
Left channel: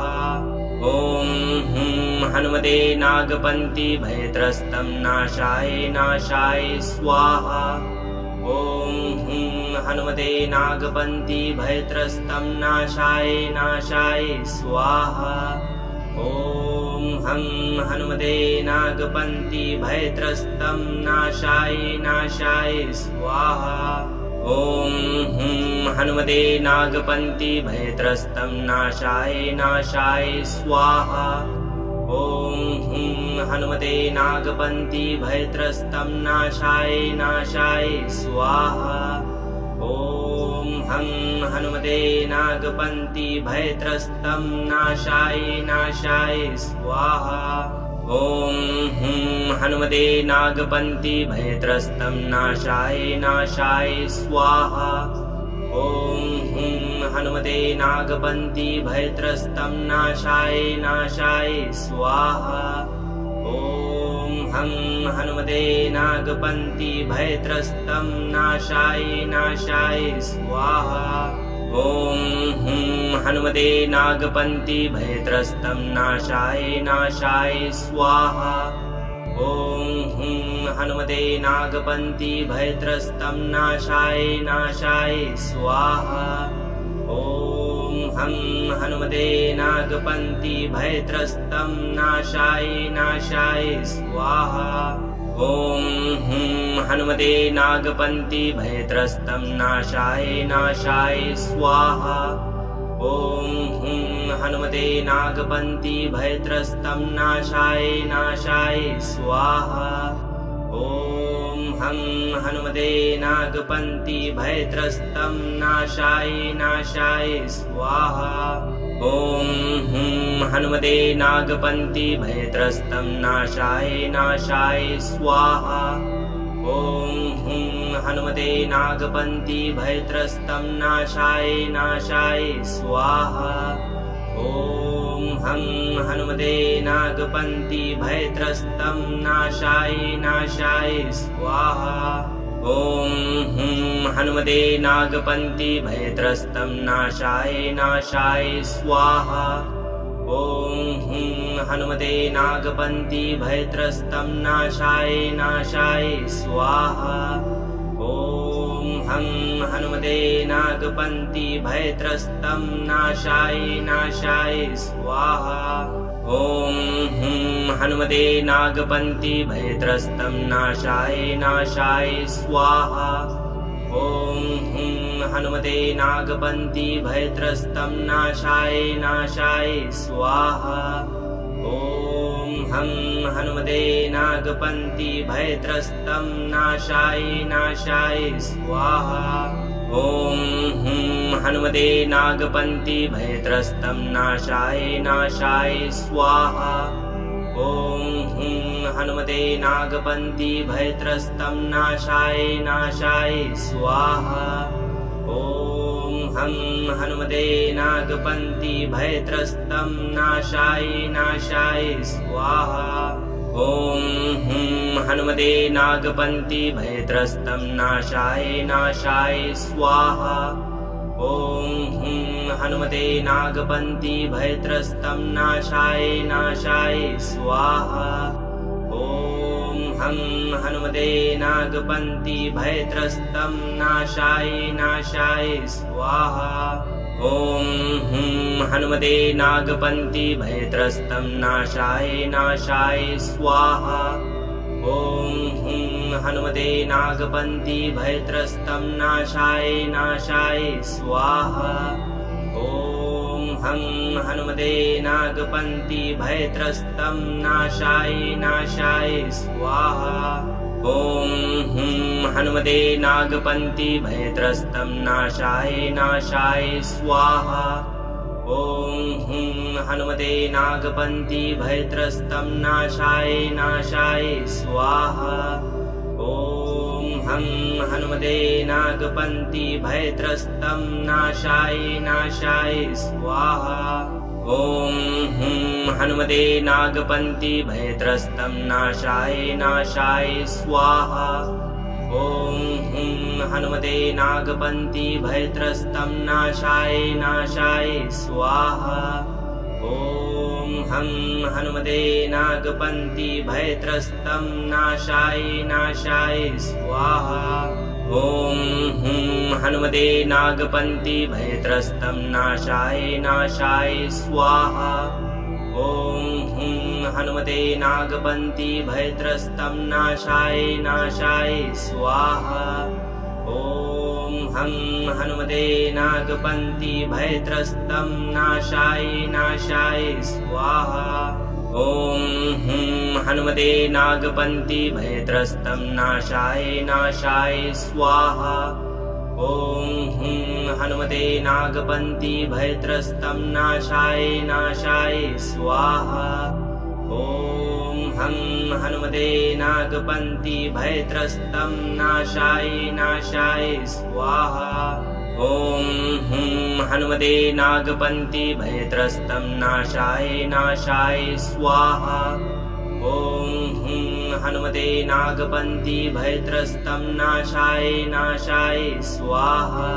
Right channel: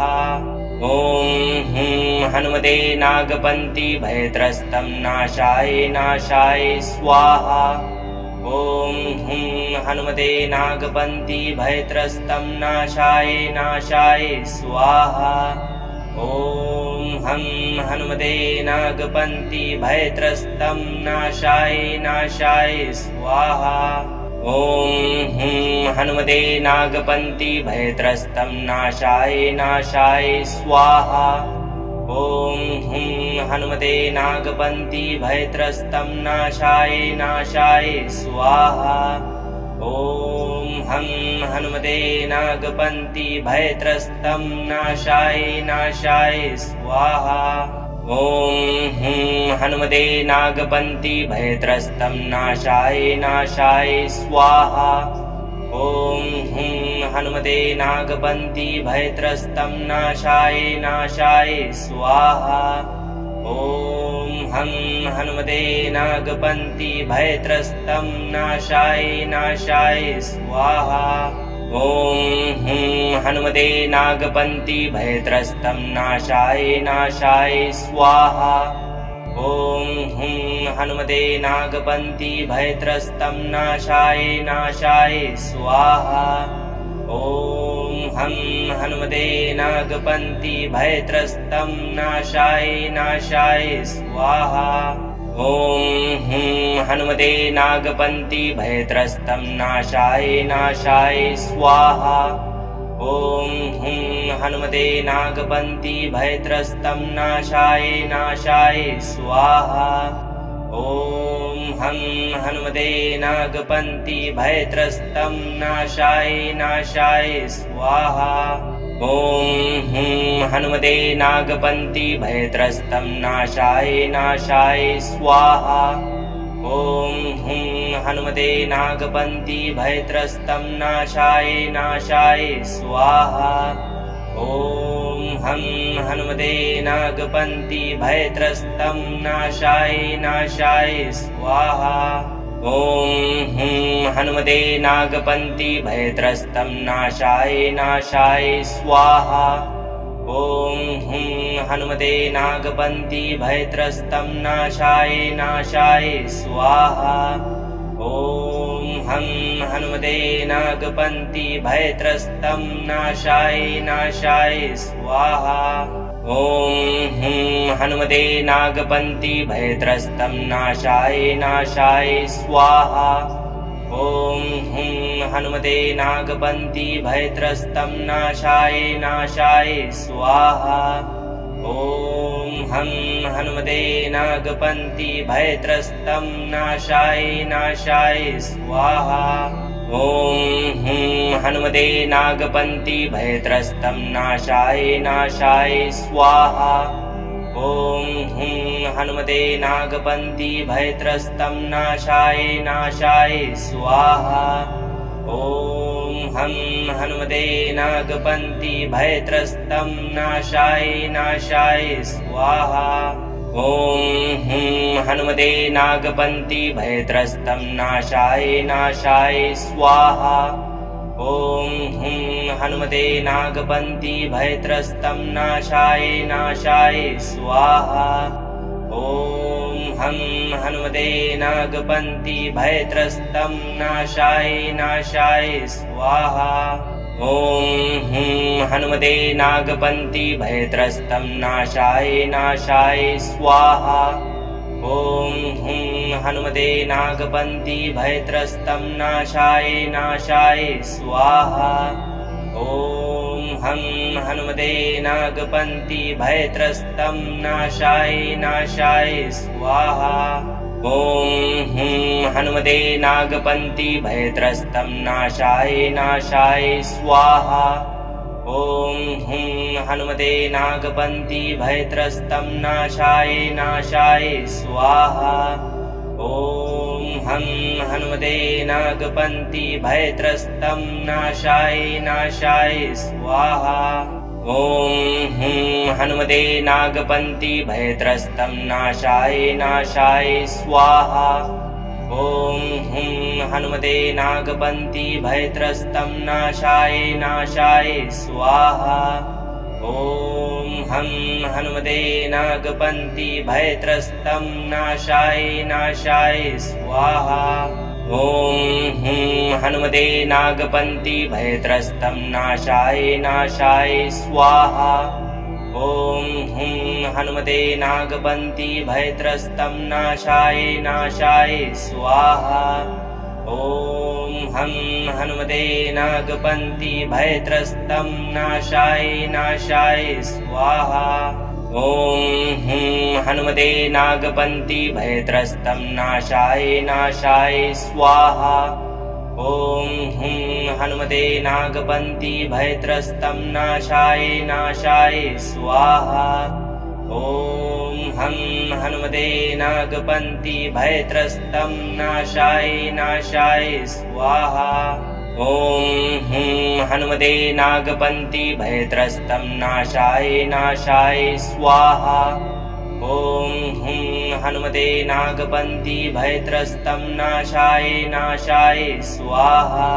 ॐ हं हनुमते नागपन्ति भयत्रस्तं नाशाय नाशाय स्वाहा। ॐ हं हनुमते नागपन्ति भयत्रस्तं नाशाय नाशाय स्वाहा। ॐ हं हनुमते नागपन्ति भयत्रस्तं नाशाय नाशाय स्वाहा। ॐ हं हनुमते नागपन्ति भयत्रस्तं नाशाय नाशाय स्वाहा। ॐ हं हनुमते नागपन्ति भयत्रस्तं नाशाय नाशाय स्वाहा। ॐ हं हनुमते नागपन्ति भयत्रस्तं नाशाय नाशाय स्वाहा। ॐ हं हनुमते नागपन्ति भयत्रस्तं नाशाय नाशाय स्वाहा। ॐ हं हनुमते नागपन्ति भयत्रस्तं नाशाय नाशाय स्वाहा। ॐ हं हनुमते नागपन्ति भयत्रस्तं नाशाय नाशाय स्वाहा। ॐ हं हनुमते नागपन्ति भयत्रस्तं नाशाय नाशाय स्वाहा। ॐ हं हनुमते नागपन्ति भयत्रस्तं नाशाय नाशाय स्वाहा। ॐ हं हनुमते नागपन्ति भयत्रस्तं नाशाय नाशाय स्वाहा। ॐ हं हनुमते नागपन्ति भयत्रस्तं नाशाय नाशाय स्वाहा। ॐ हुं हनुमते नागपन्ति भयत्रस्तं नाशाय नाशाय स्वाहा। ॐ हं हनुमते नागपन्ति भयत्रस्तं नाशाय नाशाय स्वाहा। ॐ हुं हनुमते नागपन्ति भयत्रस्तं नाशाय नाशाय स्वाहा। ॐ हुं हनुमते नागपन्ति भयत्रस्तं नाशाय नाशाय स्वाहा। ॐ हं हनुमते नागपन्ति भयत्रस्तं नाशाय नाशाय स्वाहा। ॐ हुं हनुमते नागपन्ति भयत्रस्तं नाशाय नाशाय स्वाहा। ॐ हुं हनुमते नागपन्ति भयत्रस्तं नाशाय नाशाय स्वाहा। ॐ हं हनुमते नागपन्ति भयत्रस्तं नाशाय नाशाय स्वाहा। ॐ हुं हनुमते नागपन्ति भयत्रस्तं नाशाय नाशाय स्वाहा। ॐ हुं हनुमते नागपन्ति भयत्रस्तं नाशाय नाशाय स्वाहा। ॐ हं हनुमते नागपन्ति भयत्रस्तं नाशाय नाशाय स्वाहा। ॐ हुं हनुमते नागपन्ति भयत्रस्तं नाशाय नाशाय स्वाहा। ॐ हुं हनुमते नागपन्ति भयत्रस्तं नाशाय नाशाय स्वाहा। ॐ हं हनुमते नागपन्ति भयत्रस्तं नाशाय नाशाय स्वाहा। ॐ हुं हनुमते नागपन्ति भयत्रस्तं नाशाय नाशाय स्वाहा। ॐ हुं हनुमते नागपन्ति भयत्रस्तं नाशाय नाशाय स्वाहा। ॐ हं हनुमते नागपन्ति भयत्रस्तं नाशाय नाशाय स्वाहा। ॐ हुं हनुमते नागपन्ति भयत्रस्तं नाशाय नाशाय स्वाहा। ॐ हुं हनुमते नागपन्ति भयत्रस्तं नाशाय नाशाय स्वाहा। ॐ हं हनुमते नागपन्ति भयत्रस्तं नाशाय नाशाय स्वाहा। ॐ हुं हनुमते नागपन्ति भयत्रस्तं नाशाय नाशाय स्वाहा। ॐ हुं हनुमते नागपन्ति भयत्रस्तं नाशाय नाशाय स्वाहा। ॐ हं हनुमते नागपन्ति भयत्रस्तं नाशाय नाशाय स्वाहा। ॐ हुं हनुमते नागपन्ति भयत्रस्तं नाशाय नाशाय स्वाहा। ॐ हुं हनुमते नागपन्ति भयत्रस्तं नाशाय नाशाय स्वाहा। ॐ हं हनुमते नागपन्ति भयत्रस्तं नाशाय नाशाय स्वाहा। ॐ हुं हनुमते नागपन्ति भयत्रस्तं नाशाय नाशाय स्वाहा। ॐ हुं हनुमते नागपन्ति भयत्रस्तं नाशाय नाशाय स्वाहा। ॐ हं हनुमते नागपन्ति भयत्रस्तं नाशाय नाशाय स्वाहा। ॐ हुं हनुमते नागपन्ति भयत्रस्तं नाशाय नाशाय स्वाहा। ॐ हुं हनुमते नागपन्ति भयत्रस्तं नाशाय नाशाय स्वाहा। ॐ हं हनुमते नागपन्ति भयत्रस्तं नाशाय नाशाय स्वाहा। ॐ हुं हनुमते नागपन्ति भयत्रस्तं नाशाय नाशाय स्वाहा। ॐ हुं हनुमते नागपन्ति भयत्रस्तं नाशाय नाशाय स्वाहा।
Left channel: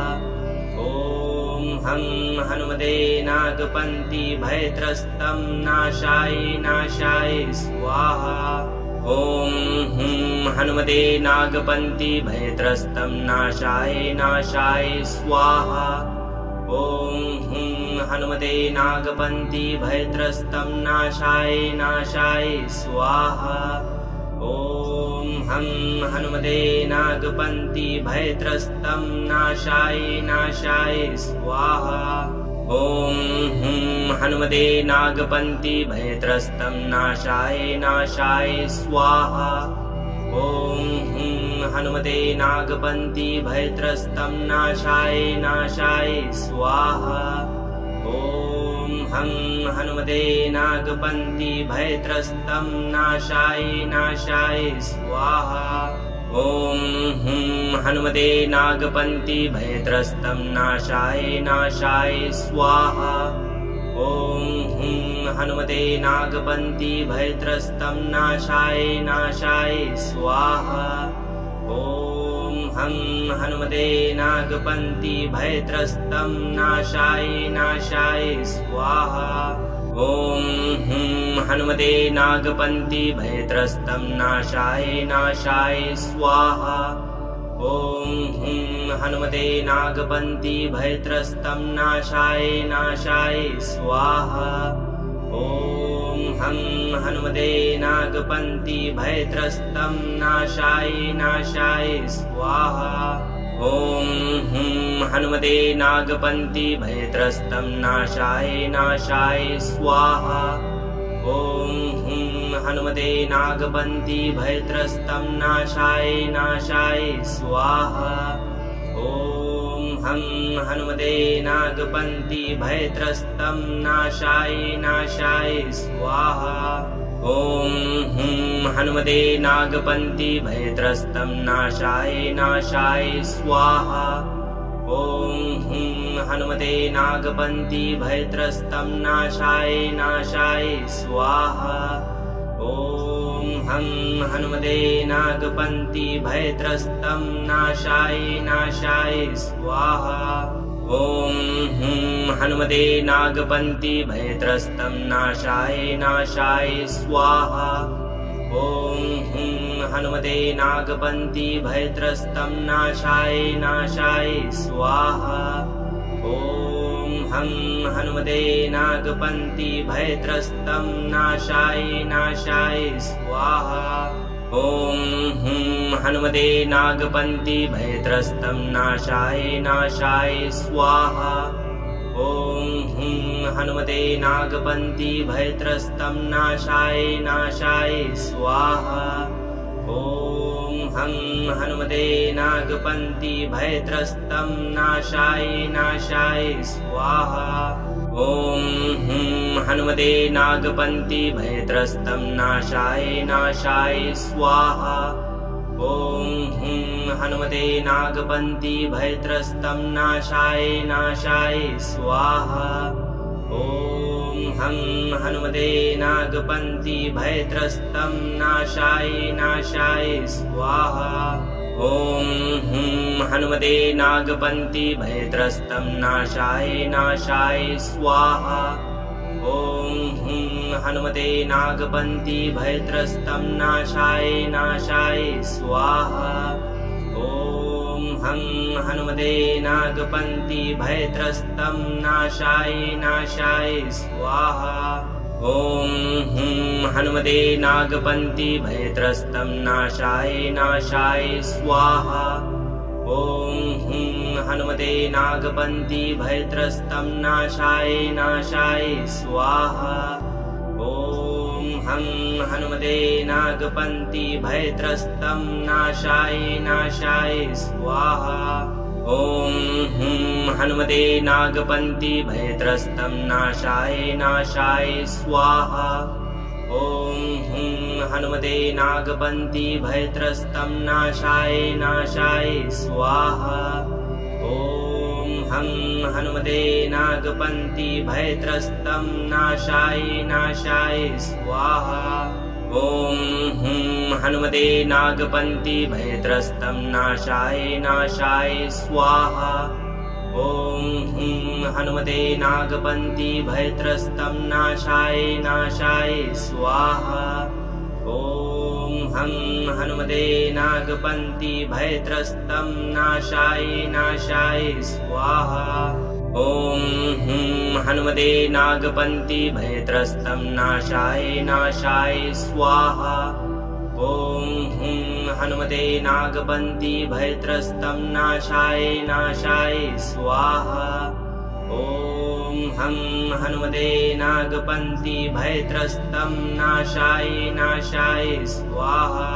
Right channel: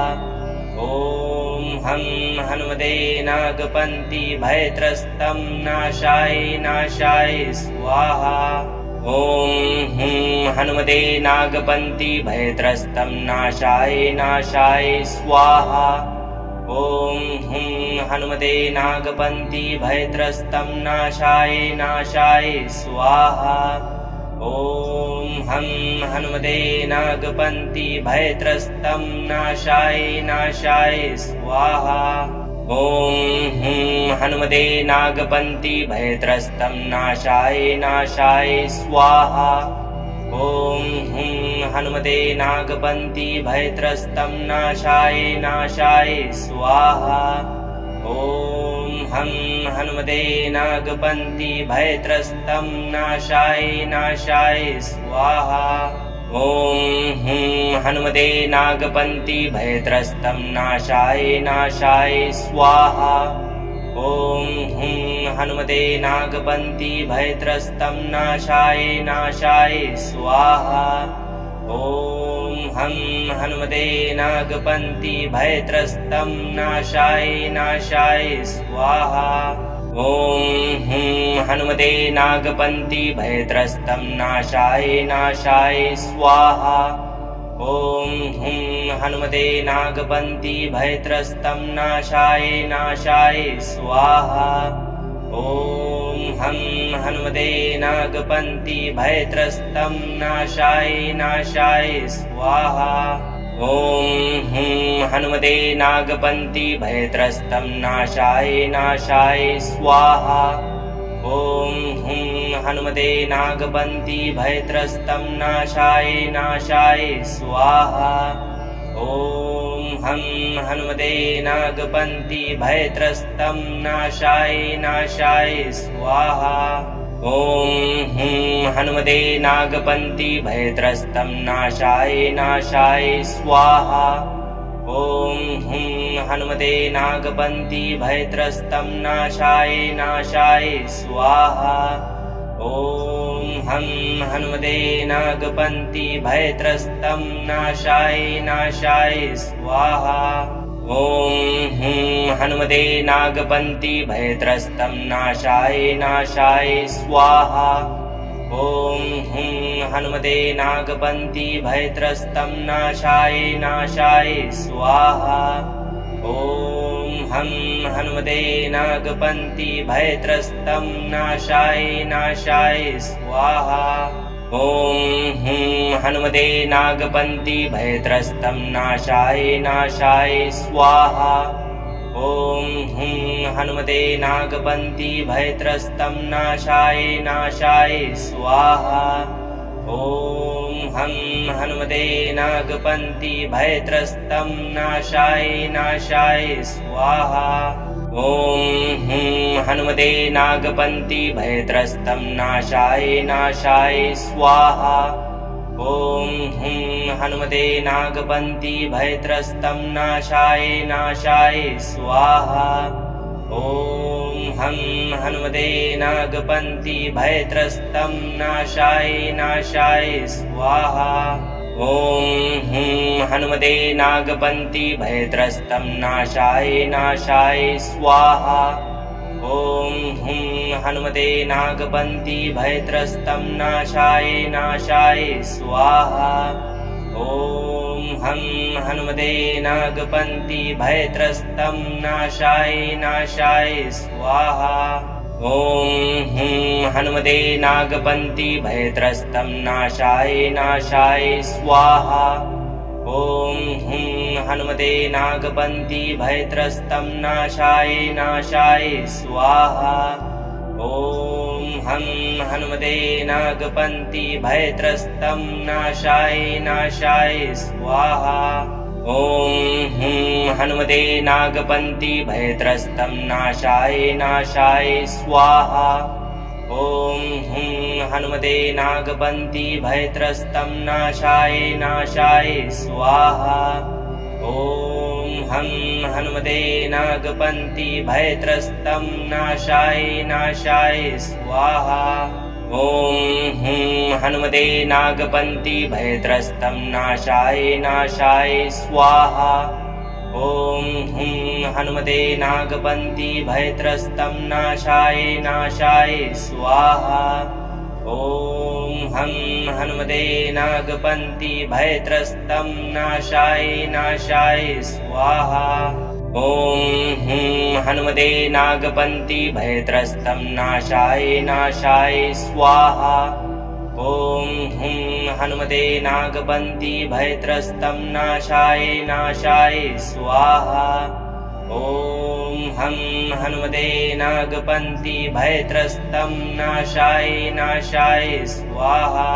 ॐ हं हनुमते नागपन्ति भयत्रस्तं नाशाय नाशाय स्वाहा। ॐ हुं हनुमते नागपन्ति भयत्रस्तं नाशाय नाशाय स्वाहा। ॐ हुं हनुमते नागपन्ति भयत्रस्तं नाशाय नाशाय स्वाहा। ॐ हं हनुमते नागपन्ति भयत्रस्तं नाशाय नाशाय स्वाहा। ॐ हुं हनुमते नागपन्ति भयत्रस्तं नाशाय नाशाय स्वाहा। ॐ हुं हनुमते नागपन्ति भयत्रस्तं नाशाय नाशाय स्वाहा। ॐ हं हनुमते नागपन्ति भयत्रस्तं नाशाय नाशाय स्वाहा। ॐ हुं हनुमते नागपन्ति भयत्रस्तं नाशाय नाशाय स्वाहा। ॐ हुं हनुमते नागपन्ति भयत्रस्तं नाशाय नाशाय स्वाहा। ॐ हं हनुमते नागपन्ति भयत्रस्तं नाशाय नाशाय स्वाहा। ॐ हुं हनुमते नागपन्ति भयत्रस्तं नाशाय नाशाय स्वाहा। ॐ हुं हनुमते नागपन्ति भयत्रस्तं नाशाय नाशाय स्वाहा। ॐ हं हनुमते नागपन्ति भयत्रस्तं नाशाय नाशाय स्वाहा। ॐ हुं हनुमते नागपन्ति भयत्रस्तं नाशाय नाशाय स्वाहा। ॐ हुं हनुमते नागपन्ति भयत्रस्तं नाशाय नाशाय स्वाहा। ॐ हं हनुमते नागपन्ति भयत्रस्तं नाशाय नाशाय स्वाहा। ॐ हुं हनुमते नागपन्ति भयत्रस्तं नाशाय नाशाय स्वाहा। ॐ हुं हनुमते नागपन्ति भयत्रस्तं नाशाय नाशाय स्वाहा। ॐ हं हनुमते नागपन्ति भयत्रस्तं नाशाय नाशाय स्वाहा। ॐ हुं हनुमते नागपन्ति भयत्रस्तं नाशाय नाशाय स्वाहा। ॐ हुं हनुमते नागपन्ति भयत्रस्तं नाशाय नाशाय स्वाहा। ॐ हं हनुमते नागपन्ति भयत्रस्तं नाशाय नाशाय स्वाहा। ॐ हुं हनुमते नागपन्ति भयत्रस्तं नाशाय नाशाय स्वाहा। ॐ हुं हनुमते नागपन्ति भयत्रस्तं नाशाय नाशाय स्वाहा। ॐ हं हनुमते नागपन्ति भयत्रस्तं नाशाय नाशाय स्वाहा। ॐ हुं हनुमते नागपन्ति भयत्रस्तं नाशाय नाशाय स्वाहा। ॐ हुं हनुमते नागपन्ति भयत्रस्तं नाशाय नाशाय स्वाहा। ॐ हं हनुमते नागपन्ति भयत्रस्तं नाशाय नाशाय स्वाहा। ॐ हुं हनुमते नागपन्ति भयत्रस्तं नाशाय नाशाय स्वाहा। ॐ हुं हनुमते नागपन्ति भयत्रस्तं नाशाय नाशाय स्वाहा। ॐ हं हनुमते नागपन्ति भयत्रस्तं नाशाय नाशाय स्वाहा। ॐ हुं हनुमते नागपन्ति भयत्रस्तं नाशाय नाशाय स्वाहा। ॐ हुं हनुमते नागपन्ति भयत्रस्तं नाशाय नाशाय स्वाहा। ॐ हं हनुमते नागपन्ति भयत्रस्तं नाशाय नाशाय स्वाहा। ॐ हुं हनुमते नागपन्ति भयत्रस्तं नाशाय नाशाय स्वाहा। ॐ हुं हनुमते नागपन्ति भयत्रस्तं नाशाय नाशाय स्वाहा। ॐ हं हनुमते नागपन्ति भयत्रस्तं नाशाय नाशाय स्वाहा। ॐ हुं हनुमते नागपन्ति भयत्रस्तं नाशाय नाशाय स्वाहा। ॐ हुं हनुमते नागपन्ति भयत्रस्तं नाशाय नाशाय स्वाहा। ॐ हं हनुमते नागपन्ति भयत्रस्तं नाशाय नाशाय स्वाहा। ॐ हुं हनुमते नागपन्ति भयत्रस्तं नाशाय नाशाय स्वाहा। ॐ हुं हनुमते नागपन्ति भयत्रस्तं नाशाय नाशाय स्वाहा। ॐ हं हनुमते नागपन्ति भयत्रस्तं नाशाय नाशाय स्वाहा।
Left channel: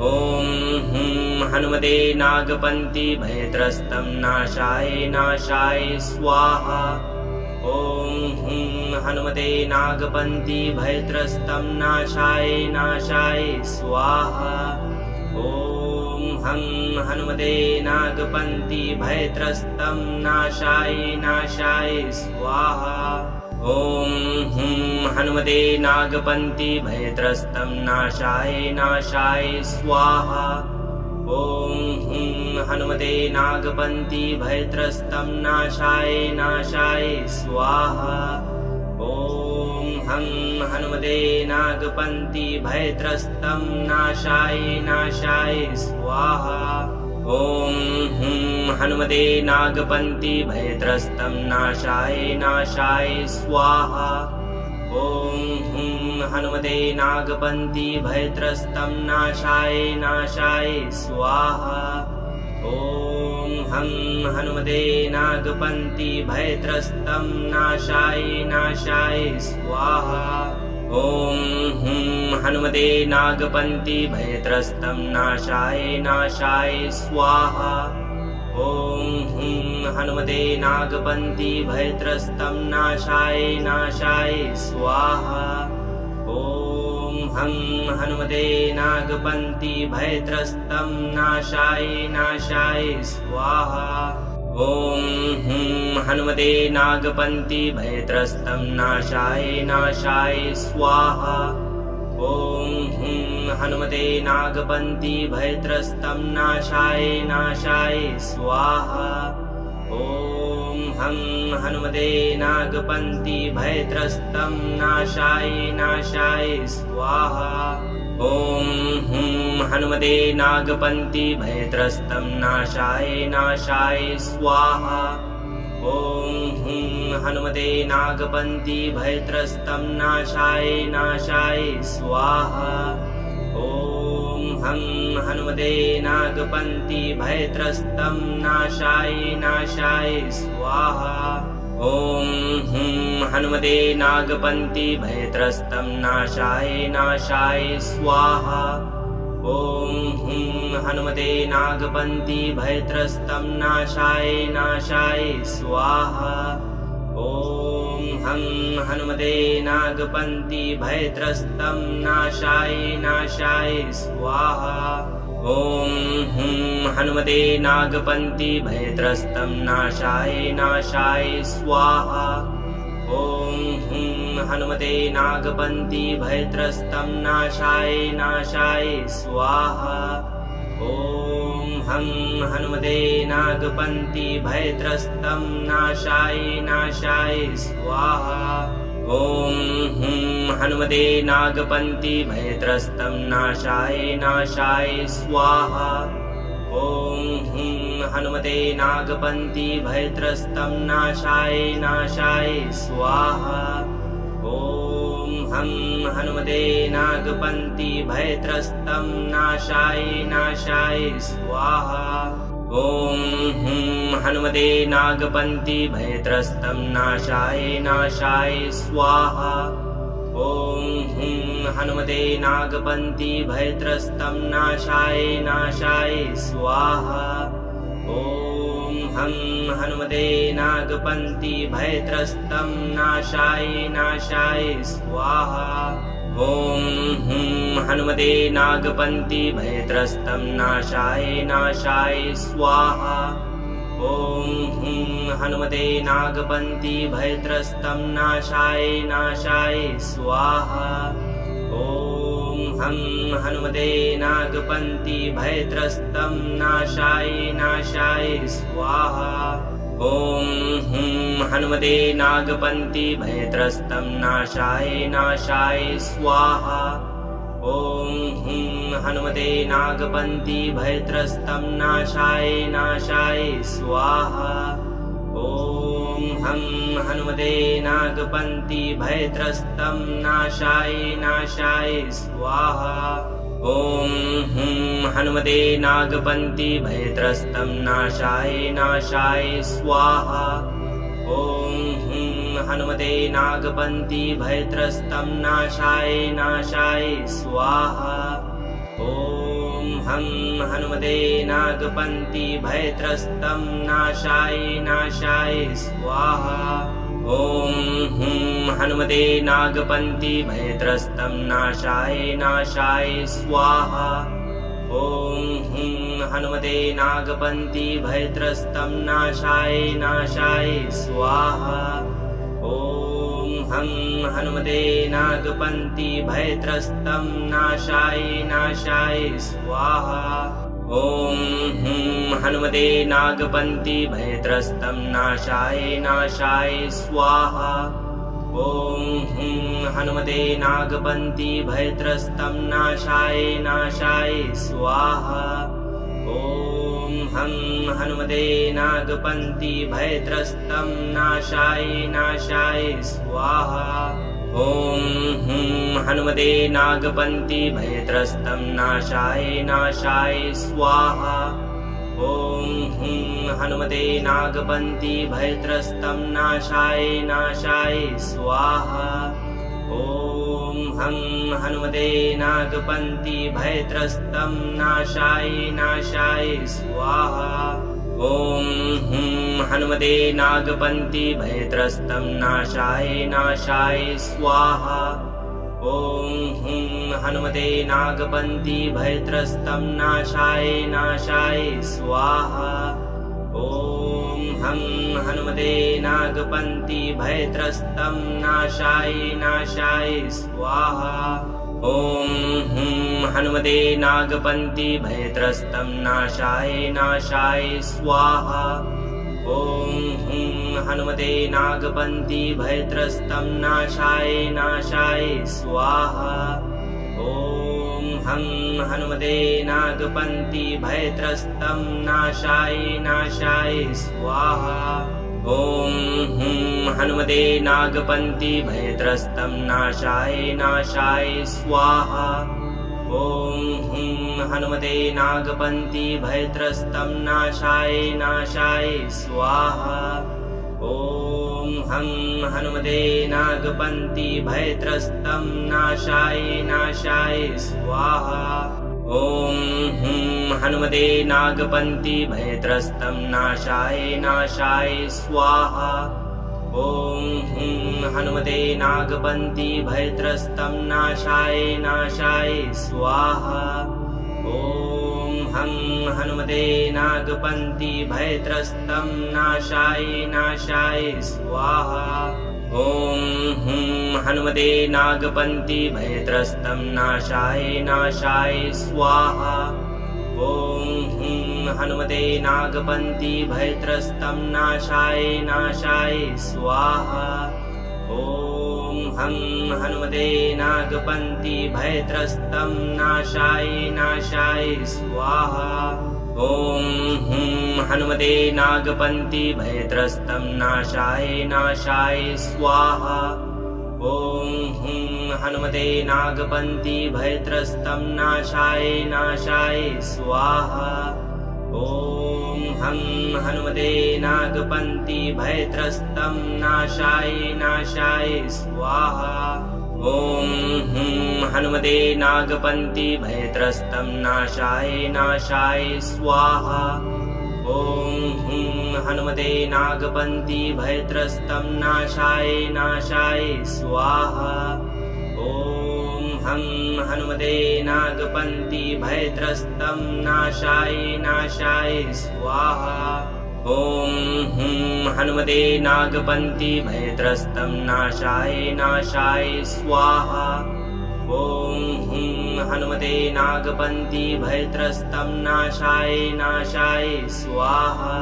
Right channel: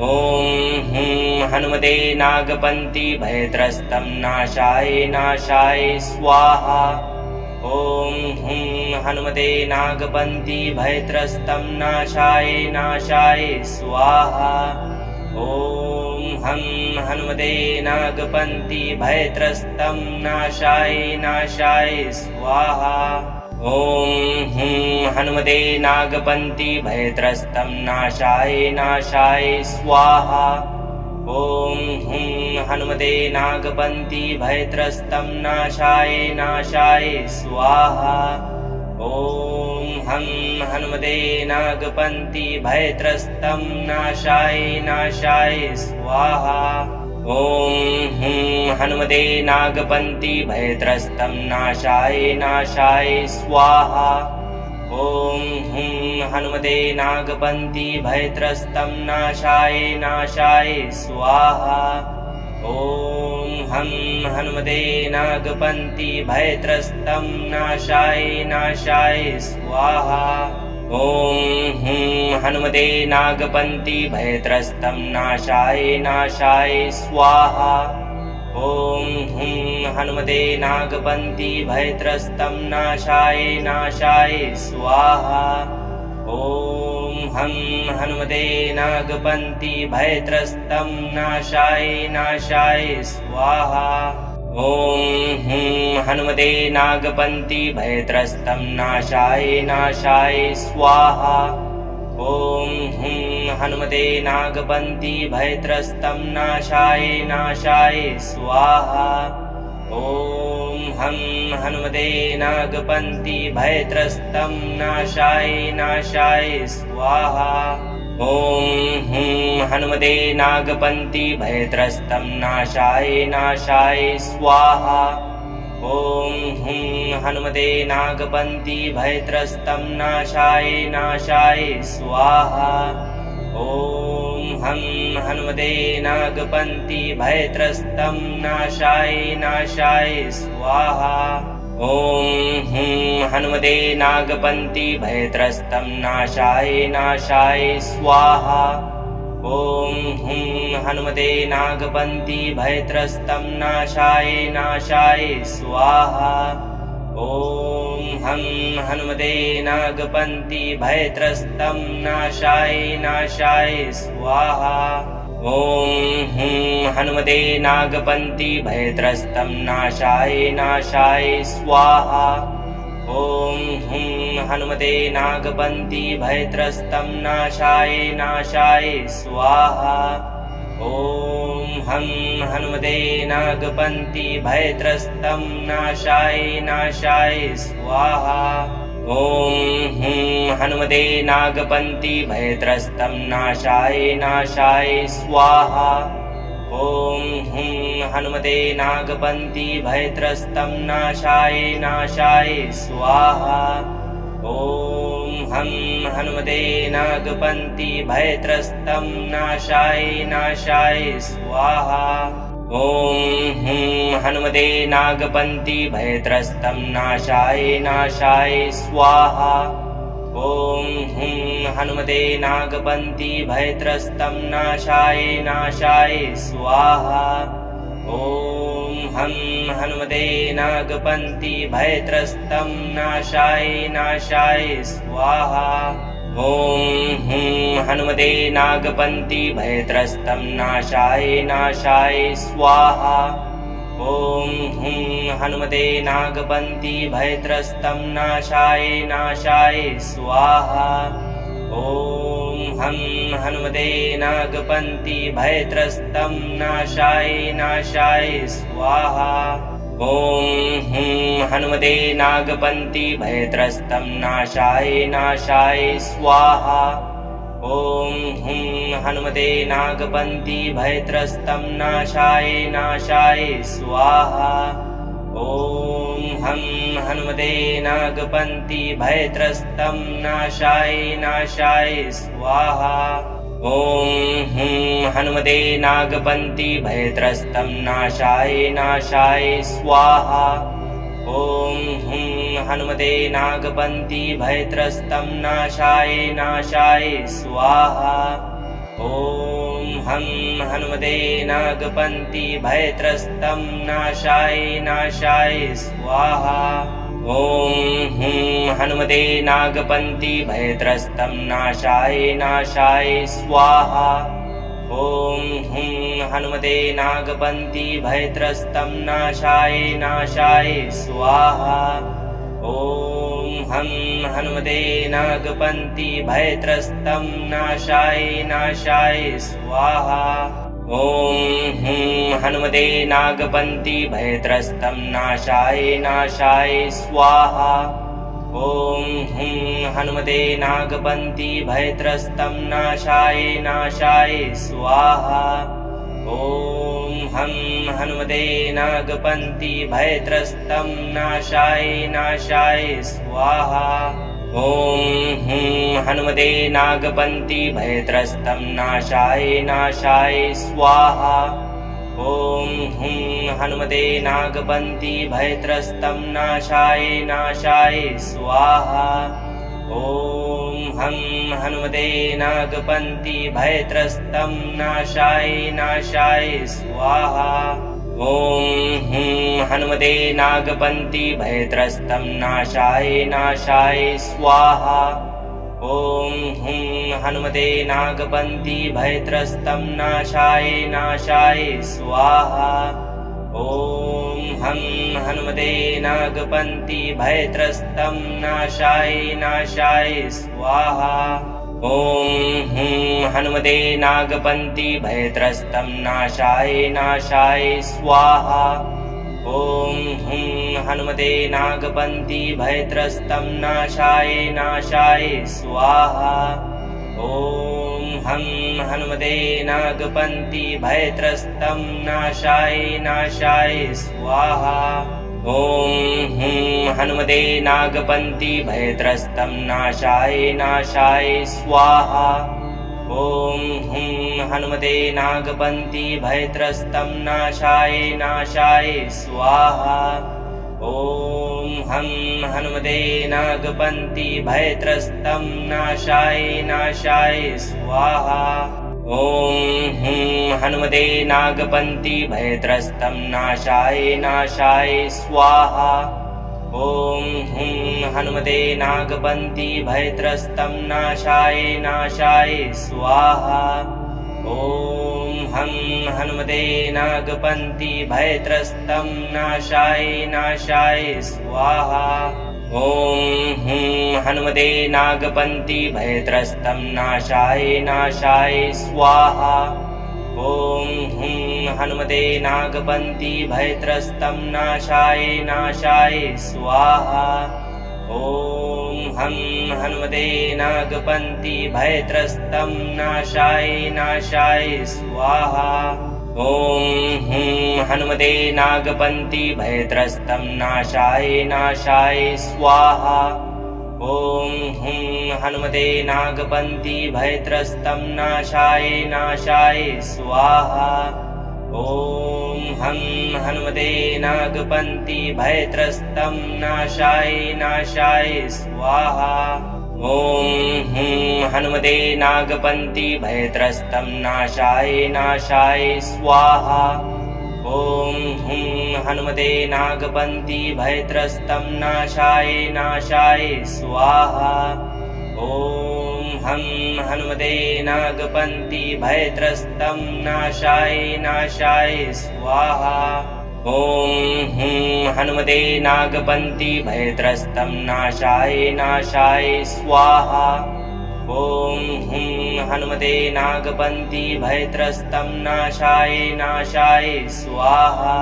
ॐ हुं हनुमते नागपन्ति भयत्रस्तं नाशाय नाशाय स्वाहा। ॐ हुं हनुमते नागपन्ति भयत्रस्तं नाशाय नाशाय स्वाहा। ॐ हं हनुमते नागपन्ति भयत्रस्तं नाशाय नाशाय स्वाहा। ॐ हुं हनुमते नागपन्ति भयत्रस्तं नाशाय नाशाय स्वाहा। ॐ हुं हनुमते नागपन्ति भयत्रस्तं नाशाय नाशाय स्वाहा। ॐ हं हनुमते नागपन्ति भयत्रस्तं नाशाय नाशाय स्वाहा। ॐ हुं हनुमते नागपन्ति भयत्रस्तं नाशाय नाशाय स्वाहा। ॐ हुं हनुमते नागपन्ति भयत्रस्तं नाशाय नाशाय स्वाहा। ॐ हं हनुमते नागपन्ति भयत्रस्तं नाशाय नाशाय स्वाहा। ॐ हुं हनुमते नागपन्ति भयत्रस्तं नाशाय नाशाय स्वाहा। ॐ हुं हनुमते नागपन्ति भयत्रस्तं नाशाय नाशाय स्वाहा। ॐ हं हनुमते नागपन्ति भयत्रस्तं नाशाय नाशाय स्वाहा। ॐ हुं हनुमते नागपन्ति भयत्रस्तं नाशाय नाशाय स्वाहा। ॐ हुं हनुमते नागपन्ति भयत्रस्तं नाशाय नाशाय स्वाहा। ॐ हं हनुमते नागपन्ति भयत्रस्तं नाशाय नाशाय स्वाहा। ॐ हुं हनुमते नागपन्ति भयत्रस्तं नाशाय नाशाय स्वाहा। ॐ हुं हनुमते नागपन्ति भयत्रस्तं नाशाय नाशाय स्वाहा। ॐ हं हनुमते नागपन्ति भयत्रस्तं नाशाय नाशाय स्वाहा। ॐ हुं हनुमते नागपन्ति भयत्रस्तं नाशाय नाशाय स्वाहा। ॐ हुं हनुमते नागपन्ति भयत्रस्तं नाशाय नाशाय स्वाहा। ॐ हं हनुमते नागपन्ति भयत्रस्तं नाशाय नाशाय स्वाहा। ॐ हुं हनुमते नागपन्ति भयत्रस्तं नाशाय नाशाय स्वाहा। ॐ हुं हनुमते नागपन्ति भयत्रस्तं नाशाय नाशाय स्वाहा। ॐ हं हनुमते नागपन्ति भयत्रस्तं नाशाय नाशाय स्वाहा। ॐ हुं हनुमते नागपन्ति भयत्रस्तं नाशाय नाशाय स्वाहा। ॐ हुं हनुमते नागपन्ति भयत्रस्तं नाशाय नाशाय स्वाहा। ॐ हं हनुमते नागपन्ति भयत्रस्तं नाशाय नाशाय स्वाहा। ॐ हुं हनुमते नागपन्ति भयत्रस्तं नाशाय नाशाय स्वाहा। ॐ हुं हनुमते नागपन्ति भयत्रस्तं नाशाय नाशाय स्वाहा। ॐ हं हनुमते नागपन्ति भयत्रस्तं नाशाय नाशाय स्वाहा। ॐ हुं हनुमते नागपन्ति भयत्रस्तं नाशाय नाशाय स्वाहा। ॐ हुं हनुमते नागपन्ति भयत्रस्तं नाशाय नाशाय स्वाहा। ॐ हं हनुमते नागपन्ति भयत्रस्तं नाशाय नाशाय स्वाहा। ॐ हुं हनुमते नागपन्ति भयत्रस्तं नाशाय नाशाय स्वाहा। ॐ हुं हनुमते नागपन्ति भयत्रस्तं नाशाय नाशाय स्वाहा। ॐ हं हनुमते नागपन्ति भयत्रस्तं नाशाय नाशाय स्वाहा। ॐ हुं हनुमते नागपन्ति भयत्रस्तं नाशाय नाशाय स्वाहा। ॐ हुं हनुमते नागपन्ति भयत्रस्तं नाशाय नाशाय स्वाहा। ॐ हं हनुमते नागपन्ति भयत्रस्तं नाशाय नाशाय स्वाहा। ॐ हुं हनुमते नागपन्ति भयत्रस्तं नाशाय नाशाय स्वाहा। ॐ हुं हनुमते नागपन्ति भयत्रस्तं नाशाय नाशाय स्वाहा। ॐ हं हनुमते नागपन्ति भयत्रस्तं नाशाय नाशाय स्वाहा। ॐ हुं हनुमते नागपन्ति भयत्रस्तं नाशाय नाशाय स्वाहा। ॐ हुं हनुमते नागपन्ति भयत्रस्तं नाशाय नाशाय स्वाहा। ॐ हं हनुमते नागपन्ति भयत्रस्तं नाशाय नाशाय स्वाहा। ॐ हुं हनुमते नागपन्ति भयत्रस्तं नाशाय नाशाय स्वाहा। ॐ हुं हनुमते नागपन्ति भयत्रस्तं नाशाय नाशाय स्वाहा। ॐ हं हनुमते नागपन्ति भयत्रस्तं नाशाय नाशाय स्वाहा। ॐ हुं हनुमते नागपन्ति भयत्रस्तं नाशाय नाशाय स्वाहा। ॐ हुं हनुमते नागपन्ति भयत्रस्तं नाशाय नाशाय स्वाहा। ॐ हं हनुमते नागपन्ति भयत्रस्तं नाशाय नाशाय स्वाहा। ॐ हुं हनुमते नागपन्ति भयत्रस्तं नाशाय नाशाय स्वाहा। ॐ हुं हनुमते नागपन्ति भयत्रस्तं नाशाय नाशाय स्वाहा। ॐ हं हनुमते नागपन्ति भयत्रस्तं नाशाय नाशाय स्वाहा। ॐ हुं हनुमते नागपन्ति भयत्रस्तं नाशाय नाशाय स्वाहा। ॐ हुं हनुमते नागपन्ति भयत्रस्तं नाशाय नाशाय स्वाहा। ॐ हं हनुमते नागपन्ति भयत्रस्तं नाशाय नाशाय स्वाहा। ॐ हुं हनुमते नागपन्ति भयत्रस्तं नाशाय नाशाय स्वाहा। ॐ हुं हनुमते नागपन्ति भयत्रस्तं नाशाय नाशाय स्वाहा। ॐ हं हनुमते नागपन्ति भयत्रस्तं नाशाय नाशाय स्वाहा। ॐ हुं हनुमते नागपन्ति भयत्रस्तं नाशाय नाशाय स्वाहा। ॐ हुं हनुमते नागपन्ति भयत्रस्तं नाशाय नाशाय स्वाहा। ॐ हं हनुमते नागपन्ति भयत्रस्तं नाशाय नाशाय स्वाहा। ॐ हुं हनुमते नागपन्ति भयत्रस्तं नाशाय नाशाय स्वाहा। ॐ हुं हनुमते नागपन्ति भयत्रस्तं नाशाय नाशाय स्वाहा। ॐ हं हनुमते नागपन्ति भयत्रस्तं नाशाय नाशाय स्वाहा। ॐ हुं हनुमते नागपन्ति भयत्रस्तं नाशाय नाशाय स्वाहा। ॐ हुं हनुमते नागपन्ति भयत्रस्तं नाशाय नाशाय स्वाहा। ॐ हं हनुमते नागपन्ति भयत्रस्तं नाशाय नाशाय स्वाहा। ॐ हुं हनुमते नागपन्ति भयत्रस्तं नाशाय नाशाय स्वाहा। ॐ हुं हनुमते नागपन्ति भयत्रस्तं नाशाय नाशाय स्वाहा।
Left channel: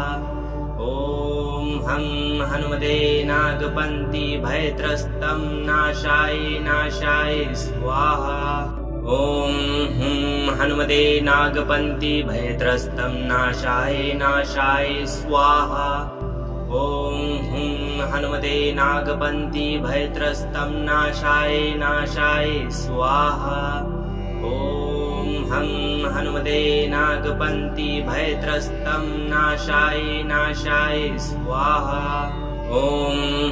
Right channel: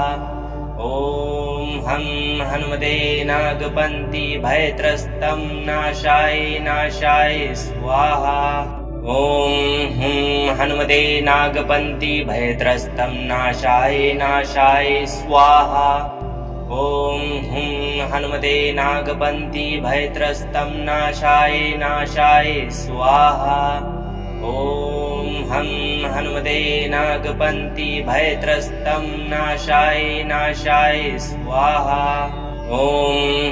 ॐ हं हनुमते नागपन्ति भयत्रस्तं नाशाय नाशाय स्वाहा। ॐ हुं हनुमते नागपन्ति भयत्रस्तं नाशाय नाशाय स्वाहा। ॐ हुं हनुमते नागपन्ति भयत्रस्तं नाशाय नाशाय स्वाहा। ॐ हं हनुमते नागपन्ति भयत्रस्तं नाशाय नाशाय स्वाहा। ॐ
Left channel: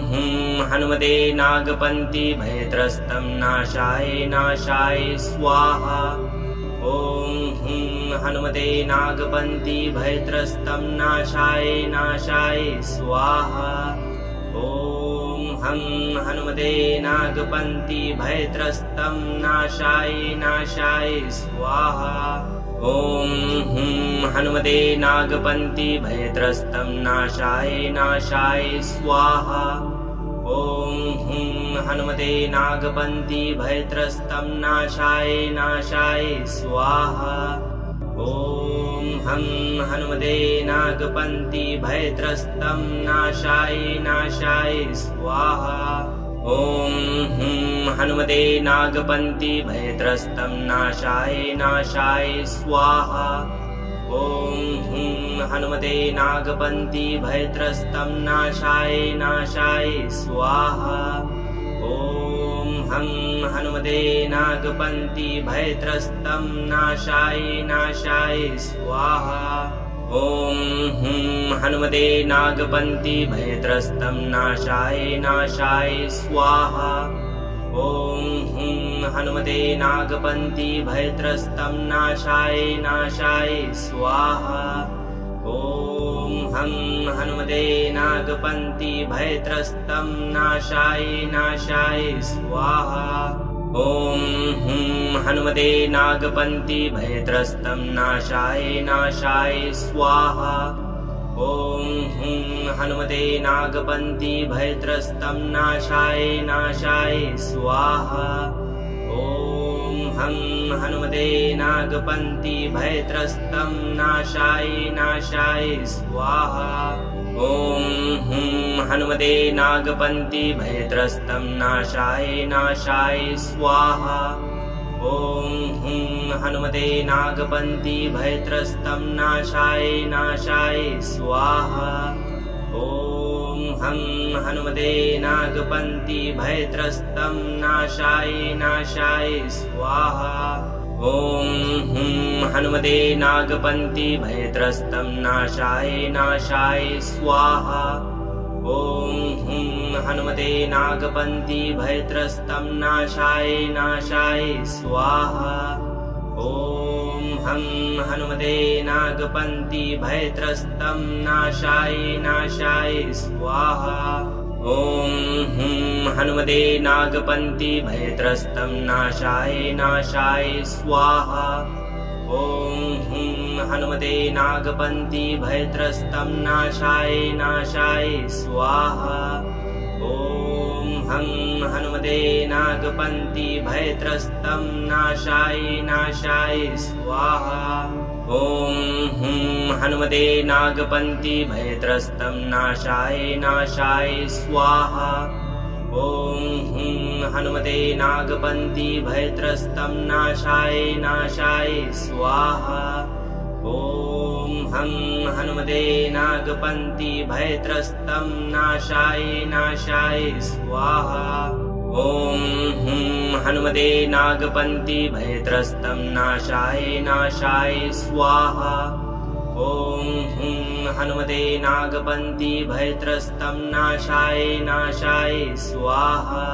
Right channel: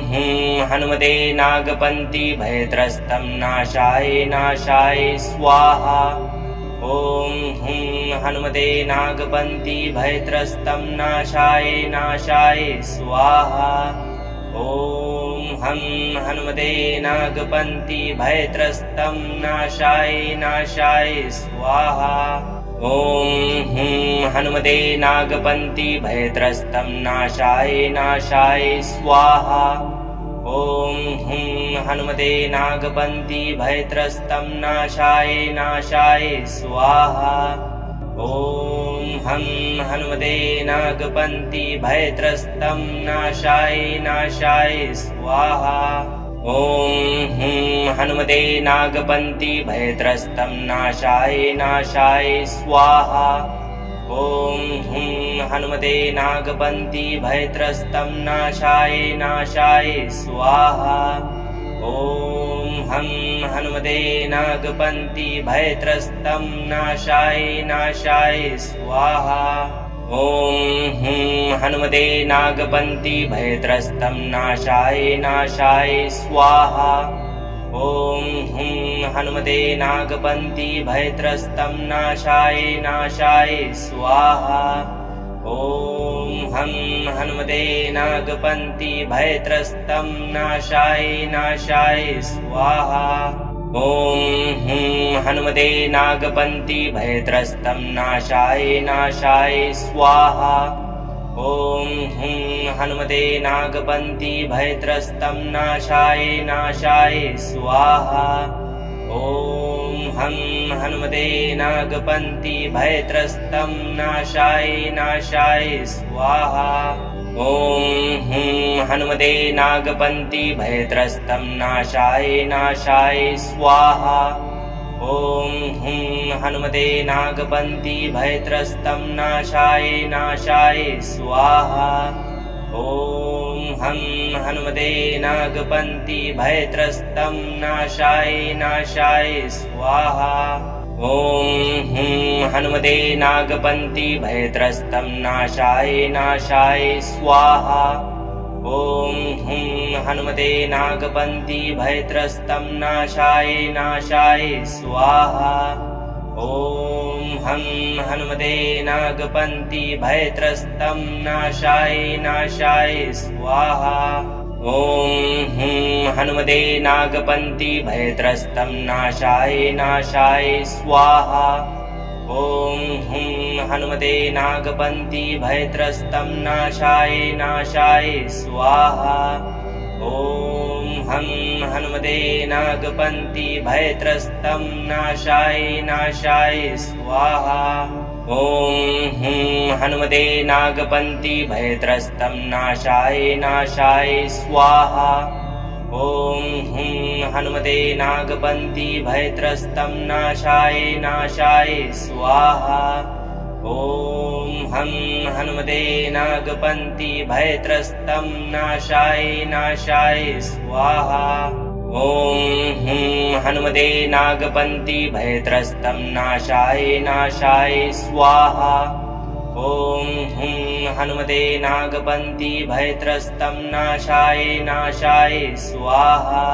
हुं हनुमते नागपन्ति भयत्रस्तं नाशाय नाशाय स्वाहा। ॐ हुं हनुमते नागपन्ति भयत्रस्तं नाशाय नाशाय स्वाहा। ॐ हं हनुमते नागपन्ति भयत्रस्तं नाशाय नाशाय स्वाहा। ॐ हुं हनुमते नागपन्ति भयत्रस्तं नाशाय नाशाय स्वाहा। ॐ हुं हनुमते नागपन्ति भयत्रस्तं नाशाय नाशाय स्वाहा। ॐ हं हनुमते नागपन्ति भयत्रस्तं नाशाय नाशाय स्वाहा। ॐ हुं हनुमते नागपन्ति भयत्रस्तं नाशाय नाशाय स्वाहा। ॐ हुं हनुमते नागपन्ति भयत्रस्तं नाशाय नाशाय स्वाहा। ॐ हं हनुमते नागपन्ति भयत्रस्तं नाशाय नाशाय स्वाहा। ॐ हुं हनुमते नागपन्ति भयत्रस्तं नाशाय नाशाय स्वाहा। ॐ हुं हनुमते नागपन्ति भयत्रस्तं नाशाय नाशाय स्वाहा। ॐ हं हनुमते नागपन्ति भयत्रस्तं नाशाय नाशाय स्वाहा। ॐ हुं हनुमते नागपन्ति भयत्रस्तं नाशाय नाशाय स्वाहा। ॐ हुं हनुमते नागपन्ति भयत्रस्तं नाशाय नाशाय स्वाहा। ॐ हं हनुमते नागपन्ति भयत्रस्तं नाशाय नाशाय स्वाहा। ॐ हुं हनुमते नागपन्ति भयत्रस्तं नाशाय नाशाय स्वाहा। ॐ हुं हनुमते नागपन्ति भयत्रस्तं नाशाय नाशाय स्वाहा। ॐ हं हनुमते नागपन्ति भयत्रस्तं नाशाय नाशाय स्वाहा। ॐ हुं हनुमते नागपन्ति भयत्रस्तं नाशाय नाशाय स्वाहा। ॐ हुं हनुमते नागपन्ति भयत्रस्तं नाशाय नाशाय स्वाहा। ॐ हं हनुमते नागपन्ति भयत्रस्तं नाशाय नाशाय स्वाहा। ॐ हुं हनुमते नागपन्ति भयत्रस्तं नाशाय नाशाय स्वाहा। ॐ हुं हनुमते नागपन्ति भयत्रस्तं नाशाय नाशाय स्वाहा। ॐ हं हनुमते नागपन्ति भयत्रस्तं नाशाय नाशाय स्वाहा। ॐ हुं हनुमते नागपन्ति भयत्रस्तं नाशाय नाशाय स्वाहा। ॐ हुं हनुमते नागपन्ति भयत्रस्तं नाशाय नाशाय स्वाहा। ॐ हं हनुमते नागपन्ति भयत्रस्तं नाशाय नाशाय स्वाहा। ॐ हुं हनुमते नागपन्ति भयत्रस्तं नाशाय नाशाय स्वाहा। ॐ हुं हनुमते नागपन्ति भयत्रस्तं नाशाय नाशाय स्वाहा।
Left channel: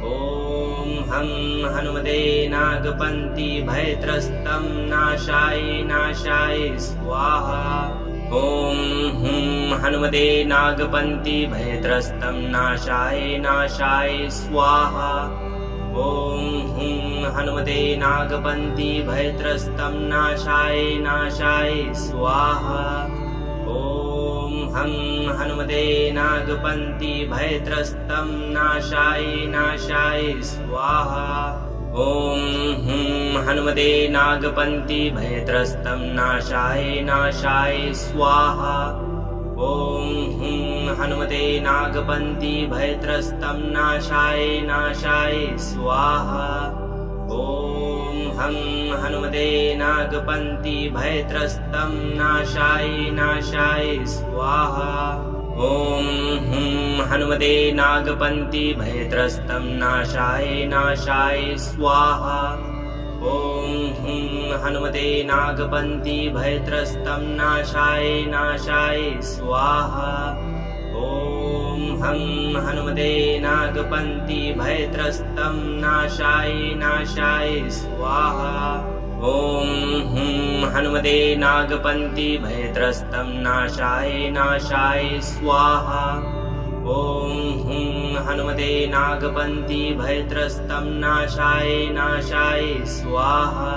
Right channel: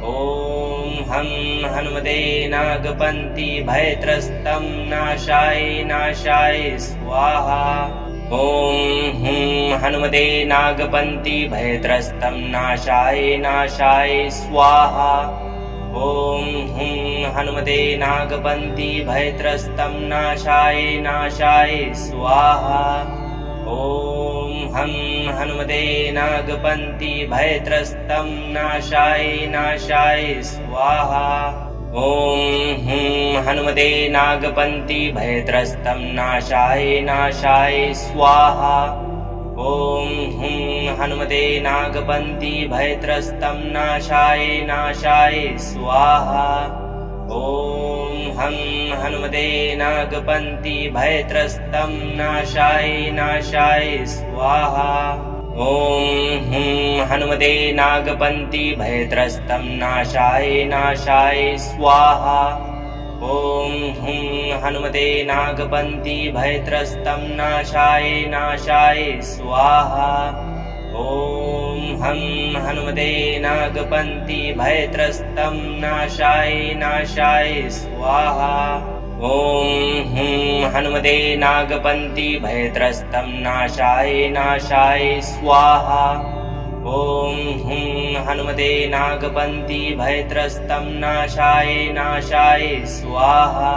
ॐ हं हनुमते नागपन्ति भयत्रस्तं नाशाय नाशाय स्वाहा। ॐ हुं हनुमते नागपन्ति भयत्रस्तं नाशाय नाशाय स्वाहा। ॐ हुं हनुमते नागपन्ति भयत्रस्तं नाशाय नाशाय स्वाहा। ॐ हं हनुमते नागपन्ति भयत्रस्तं नाशाय नाशाय स्वाहा। ॐ हुं हनुमते नागपन्ति भयत्रस्तं नाशाय नाशाय स्वाहा। ॐ हुं हनुमते नागपन्ति भयत्रस्तं नाशाय नाशाय स्वाहा। ॐ हं हनुमते नागपन्ति भयत्रस्तं नाशाय नाशाय स्वाहा। ॐ हुं हनुमते नागपन्ति भयत्रस्तं नाशाय नाशाय स्वाहा। ॐ हुं हनुमते नागपन्ति भयत्रस्तं नाशाय नाशाय स्वाहा। ॐ हं हनुमते नागपन्ति भयत्रस्तं नाशाय नाशाय स्वाहा। ॐ हुं हनुमते नागपन्ति भयत्रस्तं नाशाय नाशाय स्वाहा। ॐ हुं हनुमते नागपन्ति भयत्रस्तं नाशाय नाशाय स्वाहा।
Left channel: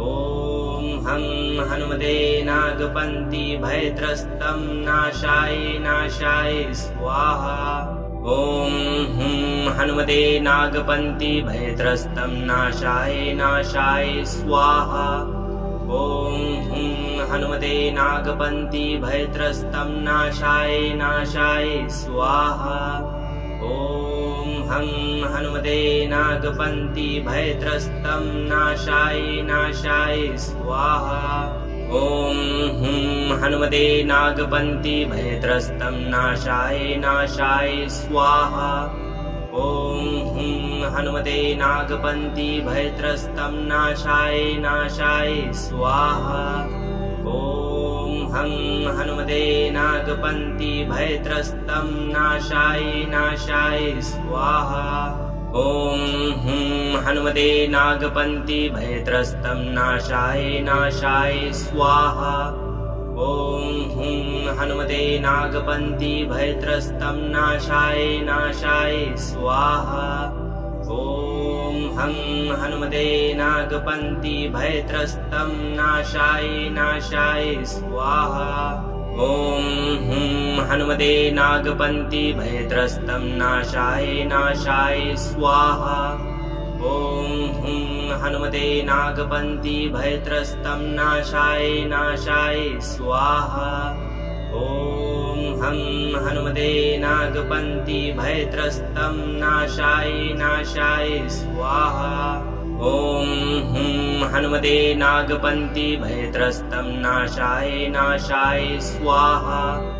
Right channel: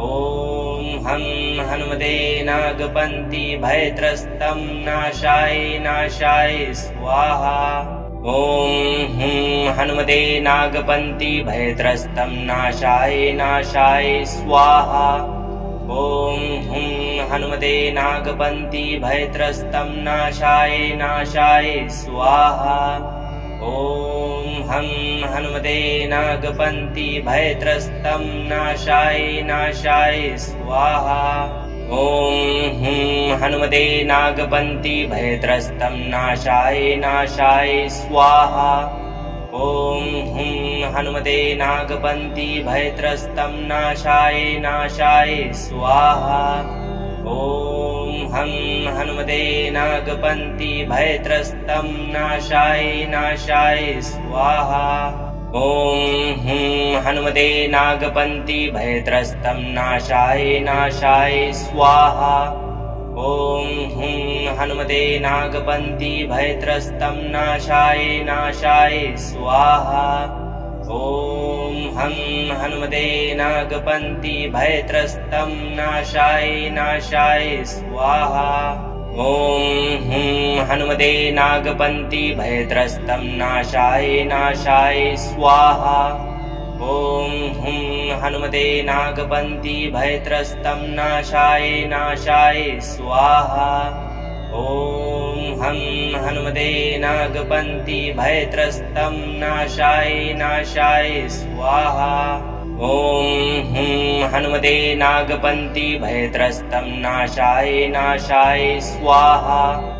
ॐ हं हनुमते नागपन्ति भयत्रस्तं नाशाय नाशाय स्वाहा। ॐ हुं हनुमते नागपन्ति भयत्रस्तं नाशाय नाशाय स्वाहा। ॐ हुं हनुमते नागपन्ति भयत्रस्तं नाशाय नाशाय स्वाहा। ॐ हं हनुमते नागपन्ति भयत्रस्तं नाशाय नाशाय स्वाहा। ॐ हुं हनुमते नागपन्ति भयत्रस्तं नाशाय नाशाय स्वाहा। ॐ हुं हनुमते नागपन्ति भयत्रस्तं नाशाय नाशाय स्वाहा। ॐ हं हनुमते नागपन्ति भयत्रस्तं नाशाय नाशाय स्वाहा। ॐ हुं हनुमते नागपन्ति भयत्रस्तं नाशाय नाशाय स्वाहा। ॐ हुं हनुमते नागपन्ति भयत्रस्तं नाशाय नाशाय स्वाहा। ॐ हं हनुमते नागपन्ति भयत्रस्तं नाशाय नाशाय स्वाहा। ॐ हुं हनुमते नागपन्ति भयत्रस्तं नाशाय नाशाय स्वाहा। ॐ हुं हनुमते नागपन्ति भयत्रस्तं नाशाय नाशाय स्वाहा। ॐ हं हनुमते नागपन्ति भयत्रस्तं नाशाय नाशाय स्वाहा। ॐ हुं हनुमते नागपन्ति भयत्रस्तं नाशाय नाशाय स्वाहा।